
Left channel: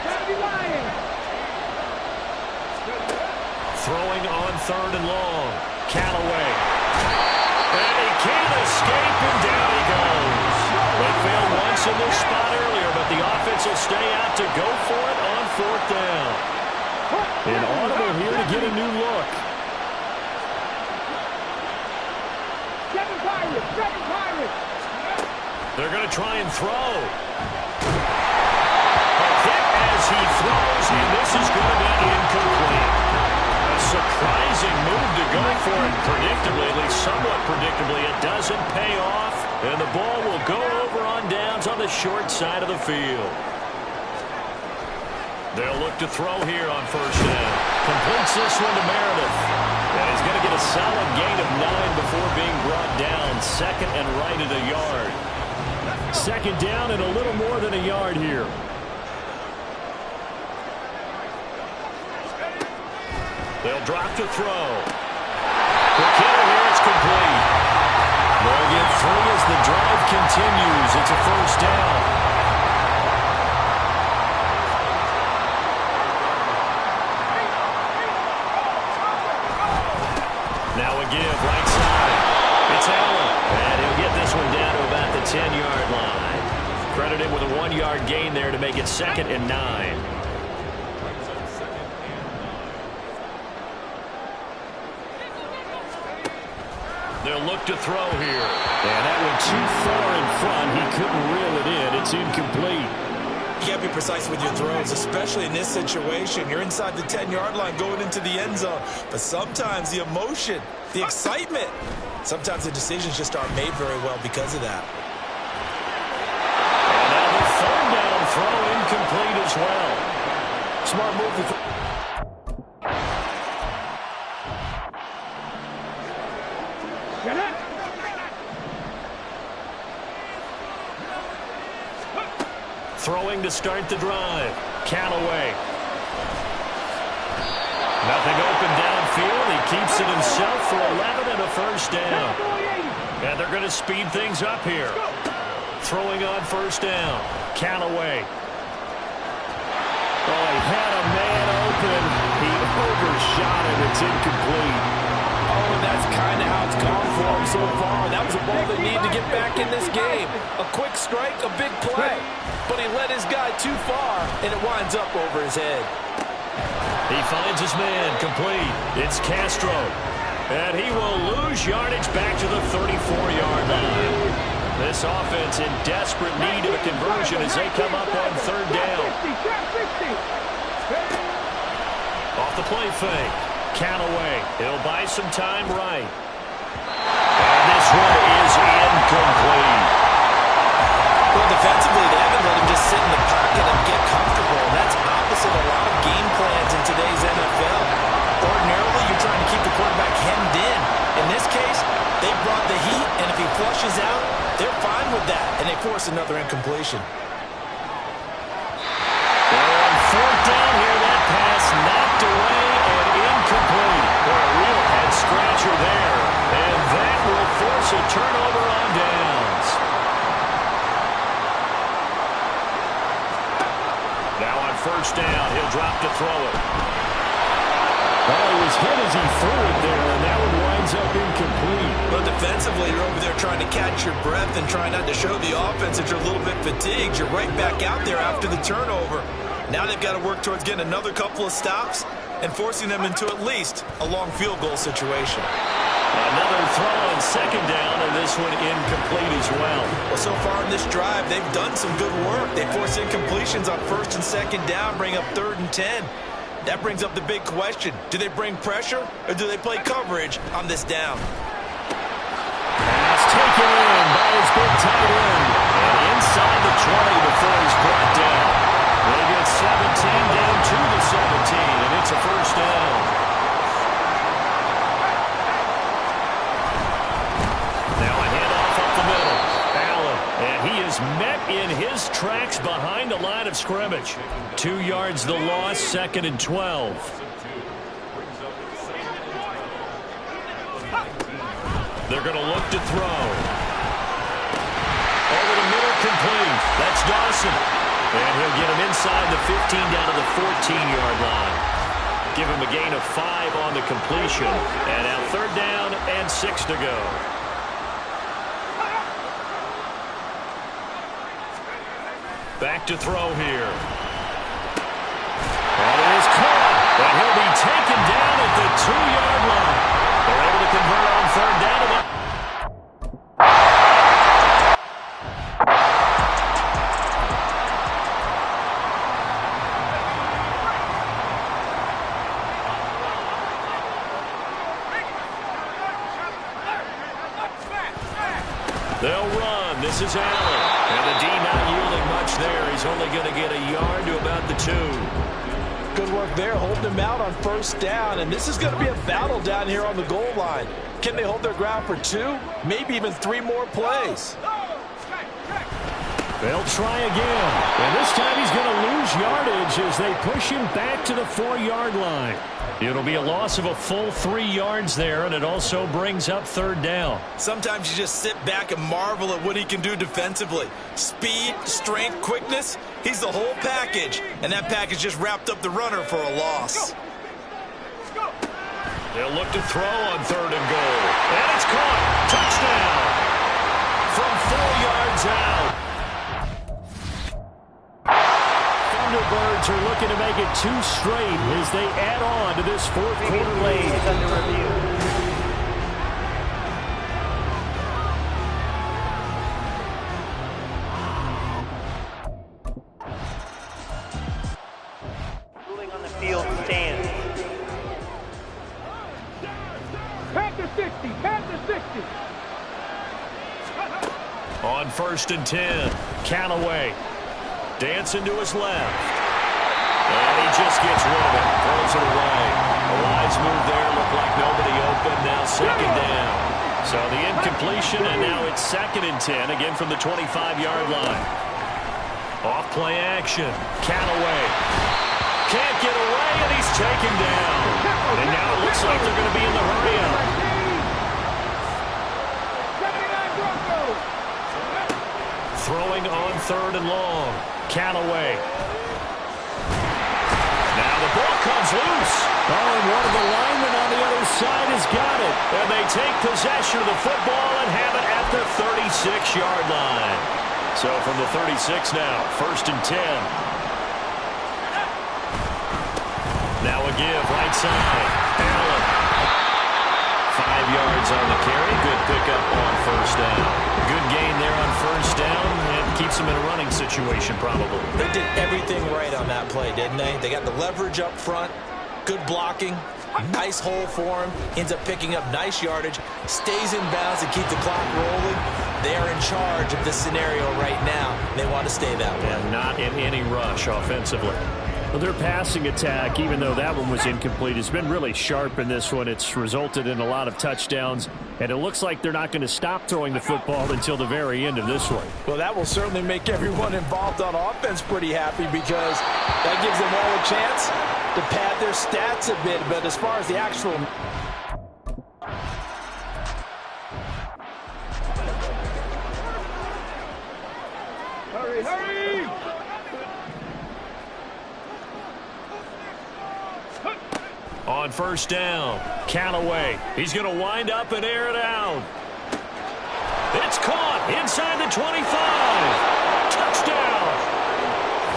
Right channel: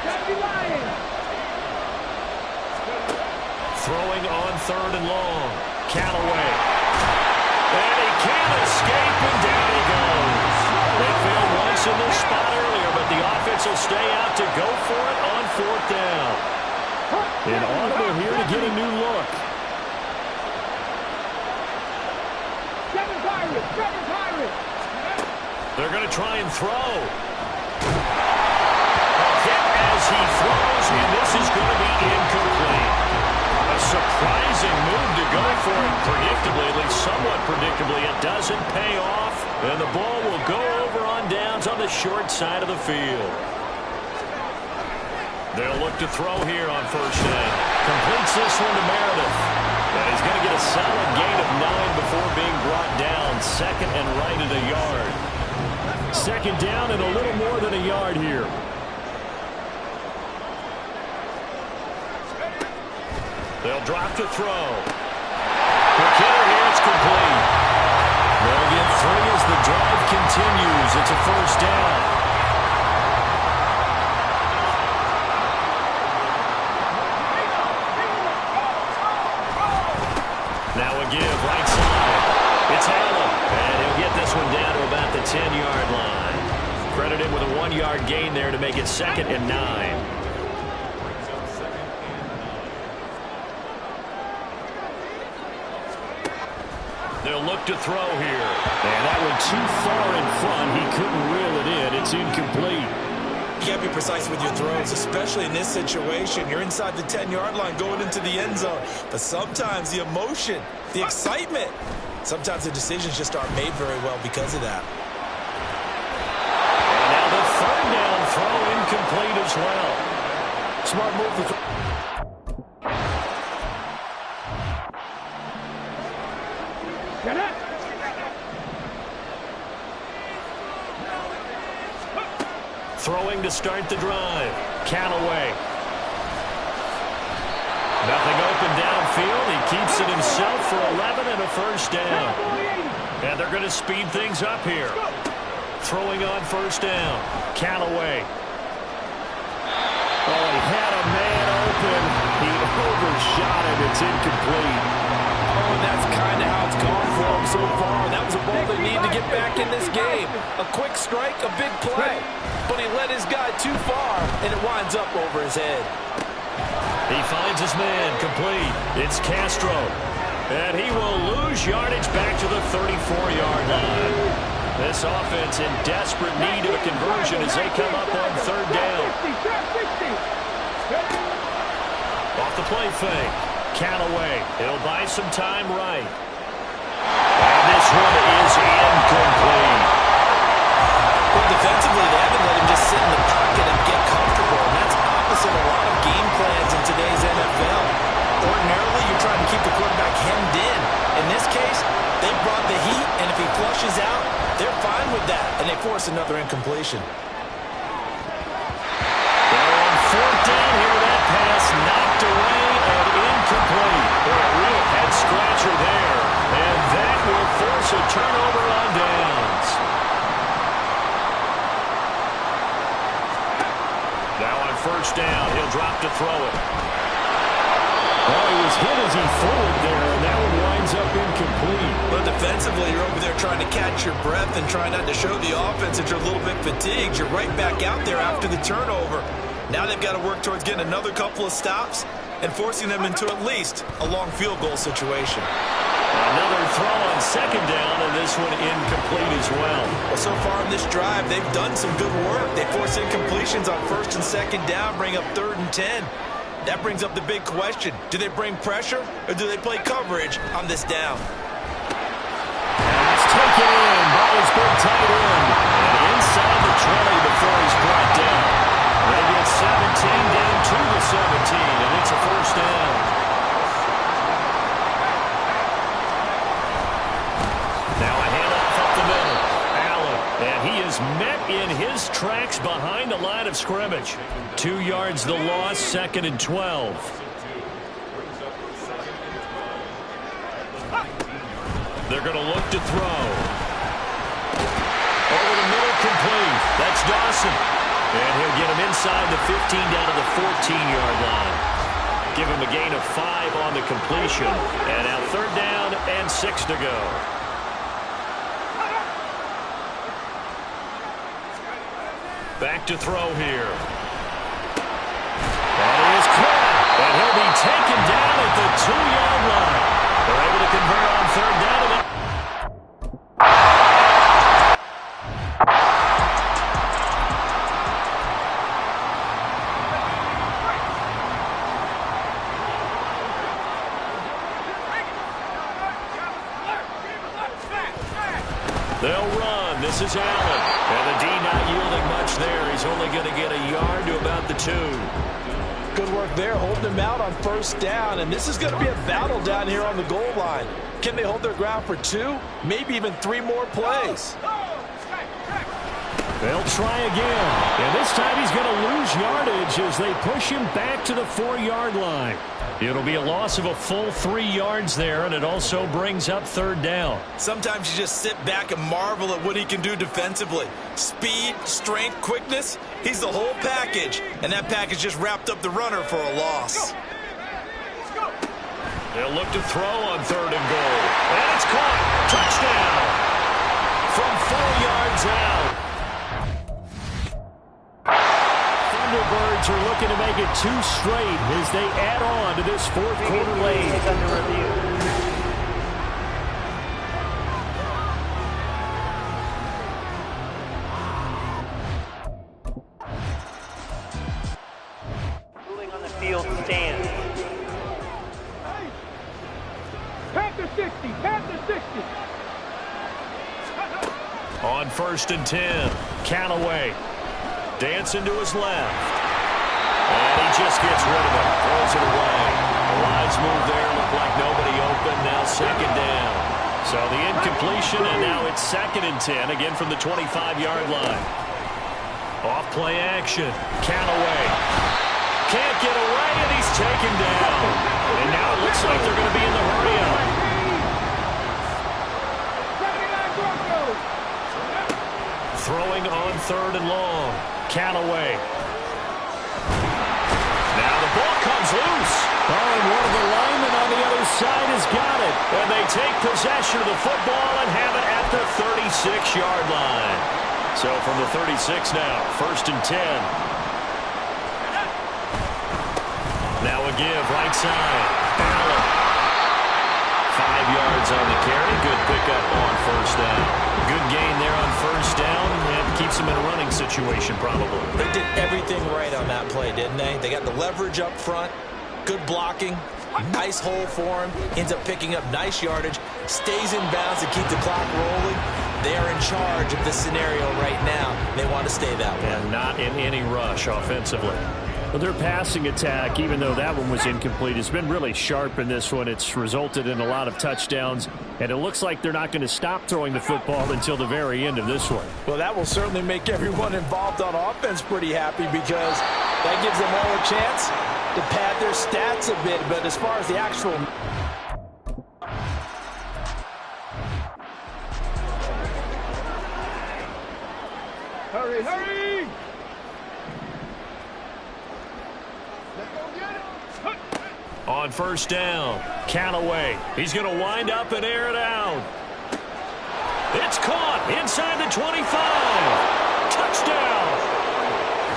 Throwing on 3rd and long. Callaway. And he can't escape, and down he goes. They failed once in this spot earlier, but the offense will stay out to go for it on 4th down. An audible here to get a new look. Seven Pirates. They're going to try and throw. A hit as he throws, and this is going to be incomplete. A surprising move to go for it predictably, at least somewhat predictably. It doesn't pay off, and the ball will go over on downs on the short side of the field. They'll look to throw here on 1st down. Completes this one to Meredith. And he's going to get a solid gain of 9 before being brought down. 2nd and right at a yard. 2nd down and a little more than a yard here. They'll drop to throw. Quick hitter here, it's complete. They'll get 3 as the drive continues. It's a 1st down. Now a give, right side. It's Allen, and he'll get this one down to about the 10-yard line. Credited with a 1-yard gain there to make it 2nd and 9. They'll look to throw here. And that went too far in front. He couldn't reel it in. It's incomplete. can't be precise with your throws, especially in this situation. You're inside the 10-yard line going into the end zone. But sometimes the emotion, the excitement, sometimes the decisions just aren't made very well because of that. And now the third down throw incomplete as well. Smart move. Get it! Throwing to start the drive. Callaway. Nothing open downfield. He keeps it himself for 11 and a first down. And they're going to speed things up here. Throwing on first down. Callaway. Oh, he had a man open. He overshot it. It's incomplete. Oh, and that's kind of how it's gone for him so far. That was a ball they need to get back in this game. A quick strike, a big play. But he led his guy too far, and it winds up over his head. He finds his man complete. It's Castro. And he will lose yardage back to the 34-yard line. This offense in desperate need of a conversion as they come up on third down. Off the play fake. Callaway. He'll buy some time right. And this one is incomplete. Well, defensively, they haven't let him just sit in the pocket and get comfortable, and that's opposite a lot of game plans in today's NFL. Ordinarily, you're trying to keep the quarterback hemmed in. In this case, they brought the heat, and if he flushes out, they're fine with that, and they force another incompletion. They're on fourth down here. That pass knocked away and incomplete. Boy, a real head-scratcher there, and that will force a turnover on downs. Now on first down, he'll drop to throw it. Well, he was hit as he threw it there, and that one winds up incomplete. But defensively, you're over there trying to catch your breath and trying not to show the offense that you're a little bit fatigued. You're right back out there after the turnover. Now they've got to work towards getting another couple of stops and forcing them into at least a long field goal situation. Another throw on second down, and this one incomplete as well. Well, so far in this drive, they've done some good work. They force incompletions on first and second down, bring up 3rd and 10. That brings up the big question. Do they bring pressure, or do they play coverage on this down? Pass taken in by his big tight end. And inside the 20 before he's brought down. They get 17 down to the 17, and it's a first down. Now a handoff up the middle. Allen, and he is met in his tracks behind the line of scrimmage. 2 yards the loss, 2nd and 12. They're going to look to throw. Over the middle, complete. That's Dawson. And he'll get him inside the 15 down to the 14-yard line. Give him a gain of 5 on the completion. And now 3rd down and 6 to go. Back to throw here. That is caught. And he'll be taken down at the 2-yard line. They're able to convert on 3rd down. They'll run. This is Allen. And the D not yielding much there. He's only going to get a yard to about the 2. Good work there, holding them out on first down. And this is going to be a battle down here on the goal line. Can they hold their ground for 2, maybe even 3 more plays? They'll try again. And this time he's going to lose yardage as they push him back to the 4-yard line. It'll be a loss of a full 3 yards there, and it also brings up 3rd down. Sometimes you just sit back and marvel at what he can do defensively. Speed, strength, quickness, he's the whole package. And that package just wrapped up the runner for a loss. They'll look to throw on 3rd and goal. And it's caught. Touchdown. From 4 yards out. Thunderbirds are looking to make it 2 straight as they add on to this 4th quarter lead. Under review. On 1st and 10, Callaway dancing to his left. And he just gets rid of it, throws it away. A wise move there, looked like nobody open, now 2nd down. So the incompletion, and now it's 2nd and 10, again from the 25-yard line. Off play action, Callaway can't get away, and he's taken down. And now it looks like they're going to be in the hurry-up. Throwing on 3rd and long. Callaway. Now the ball comes loose. Oh, and one of the linemen on the other side has got it. And they take possession of the football and have it at the 36-yard line. So from the 36 now, 1st and 10. Now a give, right side. Allen. 5 yards on the carry. Good pickup on 1st down. Good gain there on 1st down, and keeps them in a running situation probably. They did everything right on that play, didn't they? They got the leverage up front, good blocking, nice hole for him, ends up picking up nice yardage, stays in bounds to keep the clock rolling. They are in charge of this scenario right now. They want to stay that way. And not in any rush offensively. Well, their passing attack, even though that one was incomplete, has been really sharp in this one. It's resulted in a lot of touchdowns, and it looks like they're not going to stop throwing the football until the very end of this one. Well, that will certainly make everyone involved on offense pretty happy, because that gives them all a chance to pad their stats a bit. But as far as the actual... Hurry, hurry! On 1st down, Callaway. He's going to wind up and air it out. It's caught inside the 25. Touchdown.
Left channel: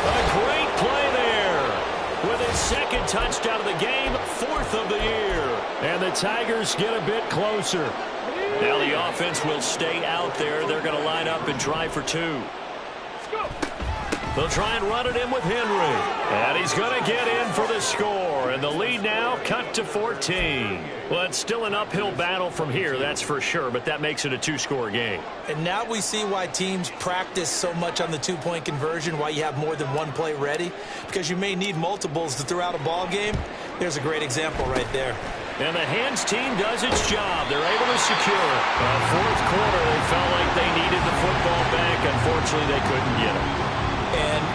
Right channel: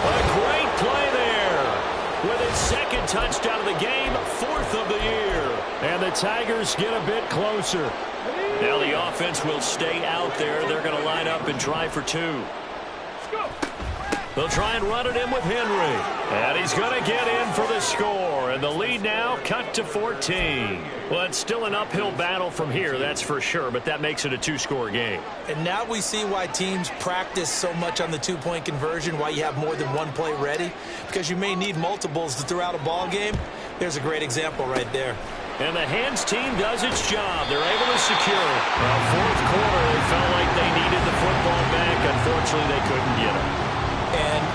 A great play there. With his 2nd touchdown of the game, 4th of the year. And the Tigers get a bit closer. Now the offense will stay out there. They're going to line up and try for 2. Let's go! They'll try and run it in with Henry. And he's going to get in for the score. And the lead now cut to 14. Well, it's still an uphill battle from here, that's for sure, but that makes it a 2-score game. And now we see why teams practice so much on the 2-point conversion, why you have more than one play ready, because you may need multiples to throw out a ball game. There's a great example right there. And the hands team does its job. They're able to secure it. Well, 4th quarter, they felt like they needed the football back. Unfortunately, they couldn't get it. And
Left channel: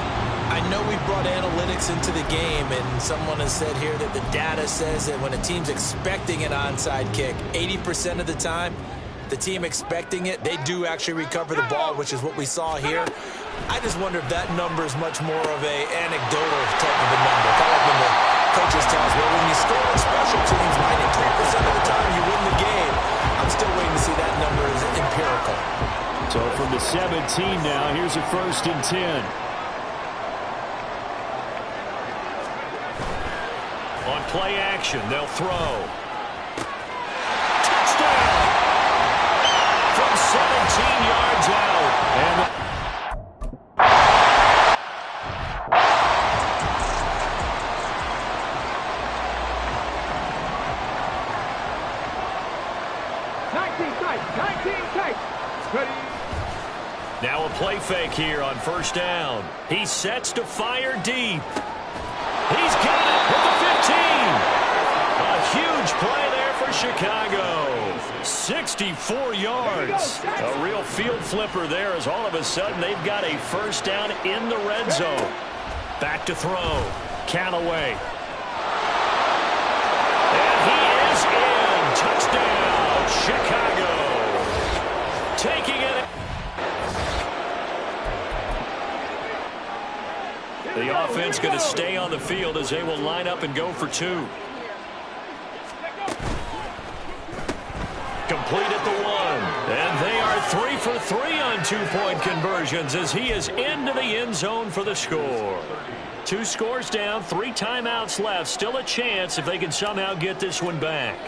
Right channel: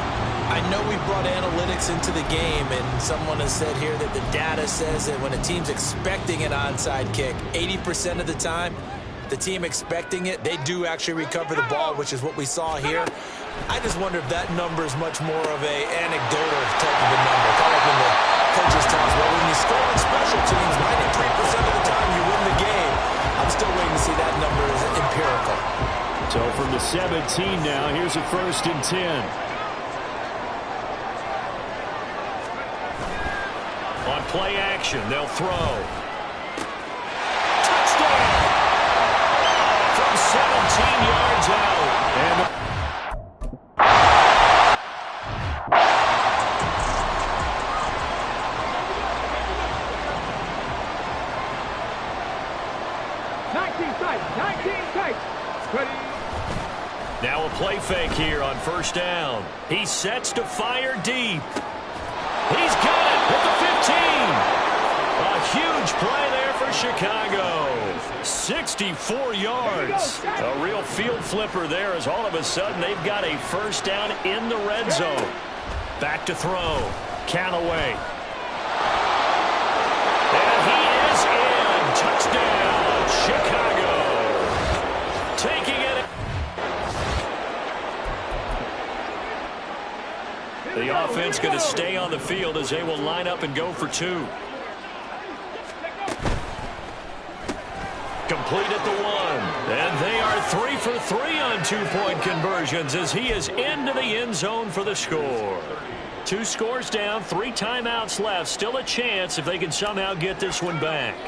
I know we brought analytics into the game, and someone has said here that the data says that when a team's expecting an onside kick, 80% of the time, the team expecting it, they do actually recover the ball, which is what we saw here. I just wonder if that number is much more of a anecdotal type of a number. Kind of like when the coaches tell us, well, when you score on special teams, 93% of the time you win the game. I'm still waiting to see that number is empirical. So from the 17 now, here's a 1st and 10. On play action, they'll throw. Touchdown! From 17 yards out. And 19 tight, 19 tight. Ready? now a play fake here on 1st down. He sets to fire deep. He's got it at the 15. A huge play there for Chicago. 64 yards. A real field flipper there, as all of a sudden they've got a 1st down in the red zone. Back to throw. Callaway. And he is in. Touchdown, Chicago. Taking it. The offense going to stay on the field as they will line up and go for 2. Complete at the 1. And they are 3 for 3 on 2-point conversions as he is into the end zone for the score. 2 scores down, 3 timeouts left. Still a chance if they can somehow get this one back.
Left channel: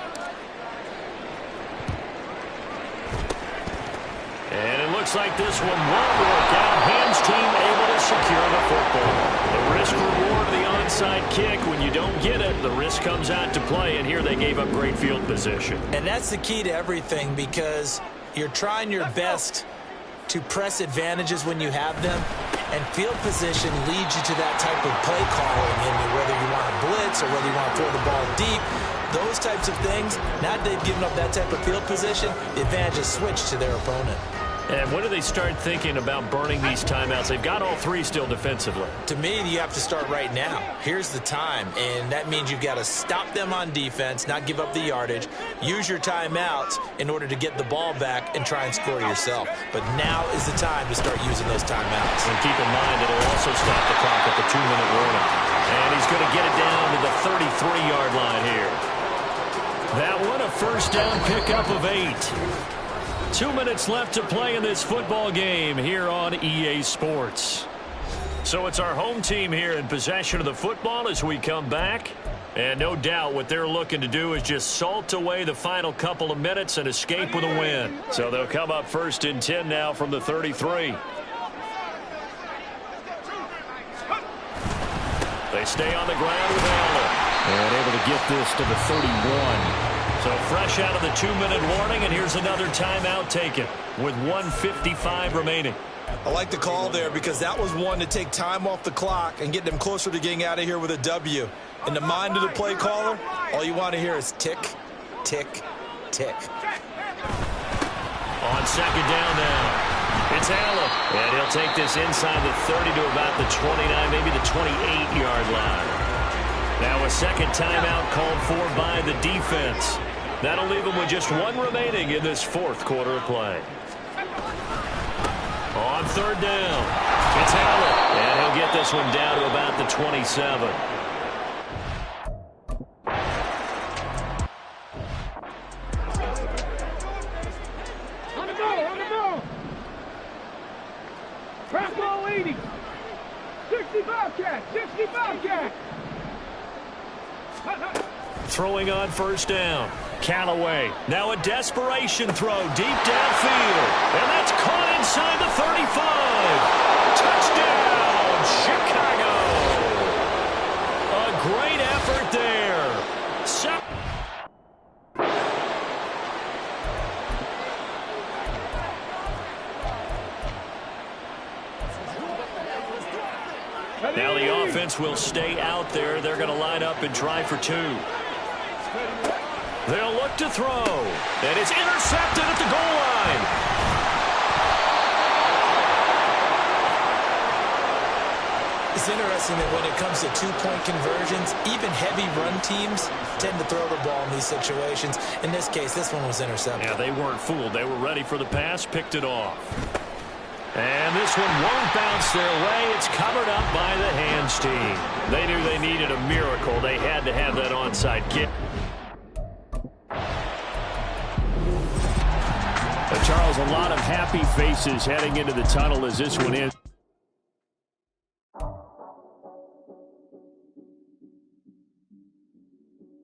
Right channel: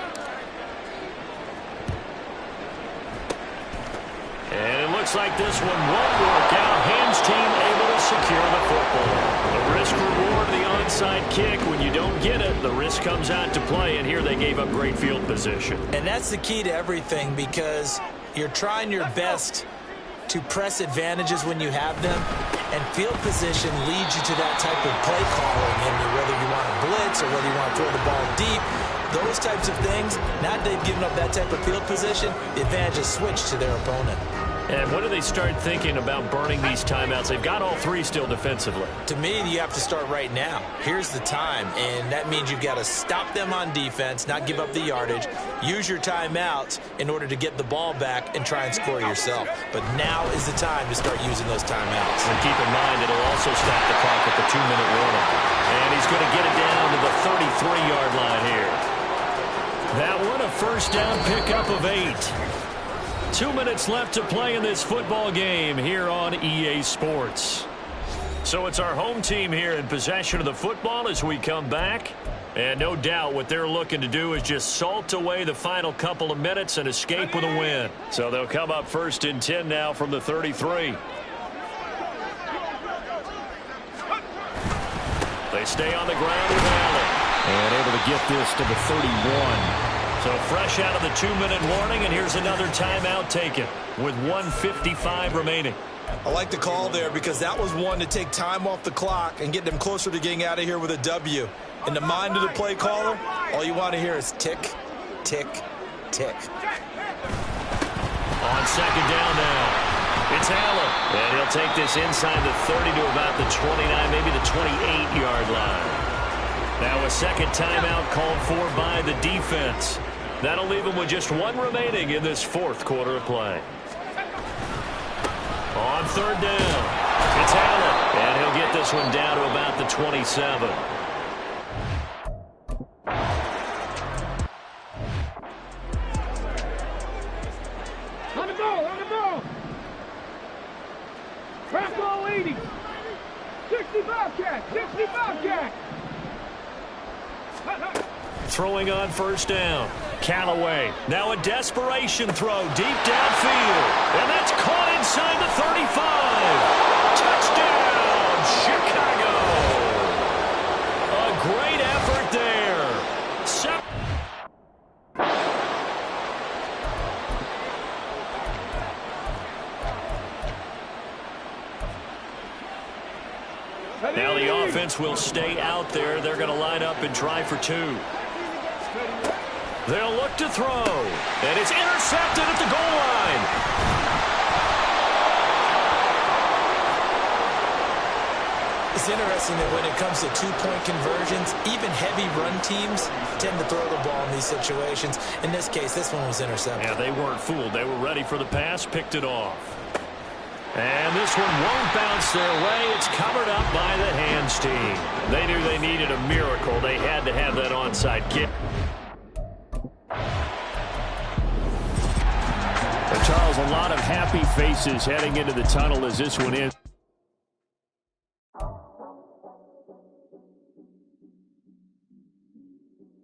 And it looks like this one won't work out. Hands team able to secure the football. The risk reward of the onside kick. When you don't get it, the risk comes out to play. And here they gave up great field position. And that's the key to everything, because you're trying your best to press advantages when you have them, and field position leads you to that type of play calling, and whether you want to blitz or whether you want to throw the ball deep, those types of things. Now that they've given up that type of field position, the advantage is switched to their opponent. And when do they start thinking about burning these timeouts? They've got all three still defensively. To me, you have to start right now. Here's the time, and that means you've got to stop them on defense, not give up the yardage, use your timeouts in order to get the ball back and try and score yourself. But now is the time to start using those timeouts. And keep in mind, it'll also stop the clock at the 2-minute warning. And he's going to get it down to the 33-yard line here. That one, a first down pickup of 8. 2 minutes left to play in this football game here on EA Sports. So it's our home team here in possession of the football as we come back. And no doubt what they're looking to do is just salt away the final couple of minutes and escape with a win. So they'll come up 1st and 10 now from the 33. They stay on the ground with Allen. And able to get this to the 31. So fresh out of the 2-minute warning, and here's another timeout taken with 1:55 remaining. I like the call there because that was one to take time off the clock and get them closer to getting out of here with a W. In the mind of the play caller, all you want to hear is tick, tick, tick. On second down now, it's Allen. And he'll take this inside the 30 to about the 29, maybe the 28-yard line. Now a second timeout called for by the defense. That'll leave them with just one remaining in this fourth quarter of play. On third down, it's Allen. And he'll get this one down to about the 27. On the ball, on the ball. Crack all 80. 60 Bobcat, 60 Bobcat. Throwing on first down. Callaway. Now a desperation throw deep downfield. And that's caught inside the 35. Touchdown, Chicago. A great effort there. Now the offense will stay out there. They're going to line up and try for 2. They'll look to throw. And it's intercepted at the goal line. It's interesting that when it comes to two-point conversions, even heavy run teams tend to throw the ball in these situations. In this case, this one was intercepted. Yeah, they weren't fooled. They were ready for the pass, picked it off. And this one won't bounce their way. It's covered up by the hands team. They knew they needed a miracle. They had to have that onside kick. Charles, a lot of happy faces heading into the tunnel as this one is.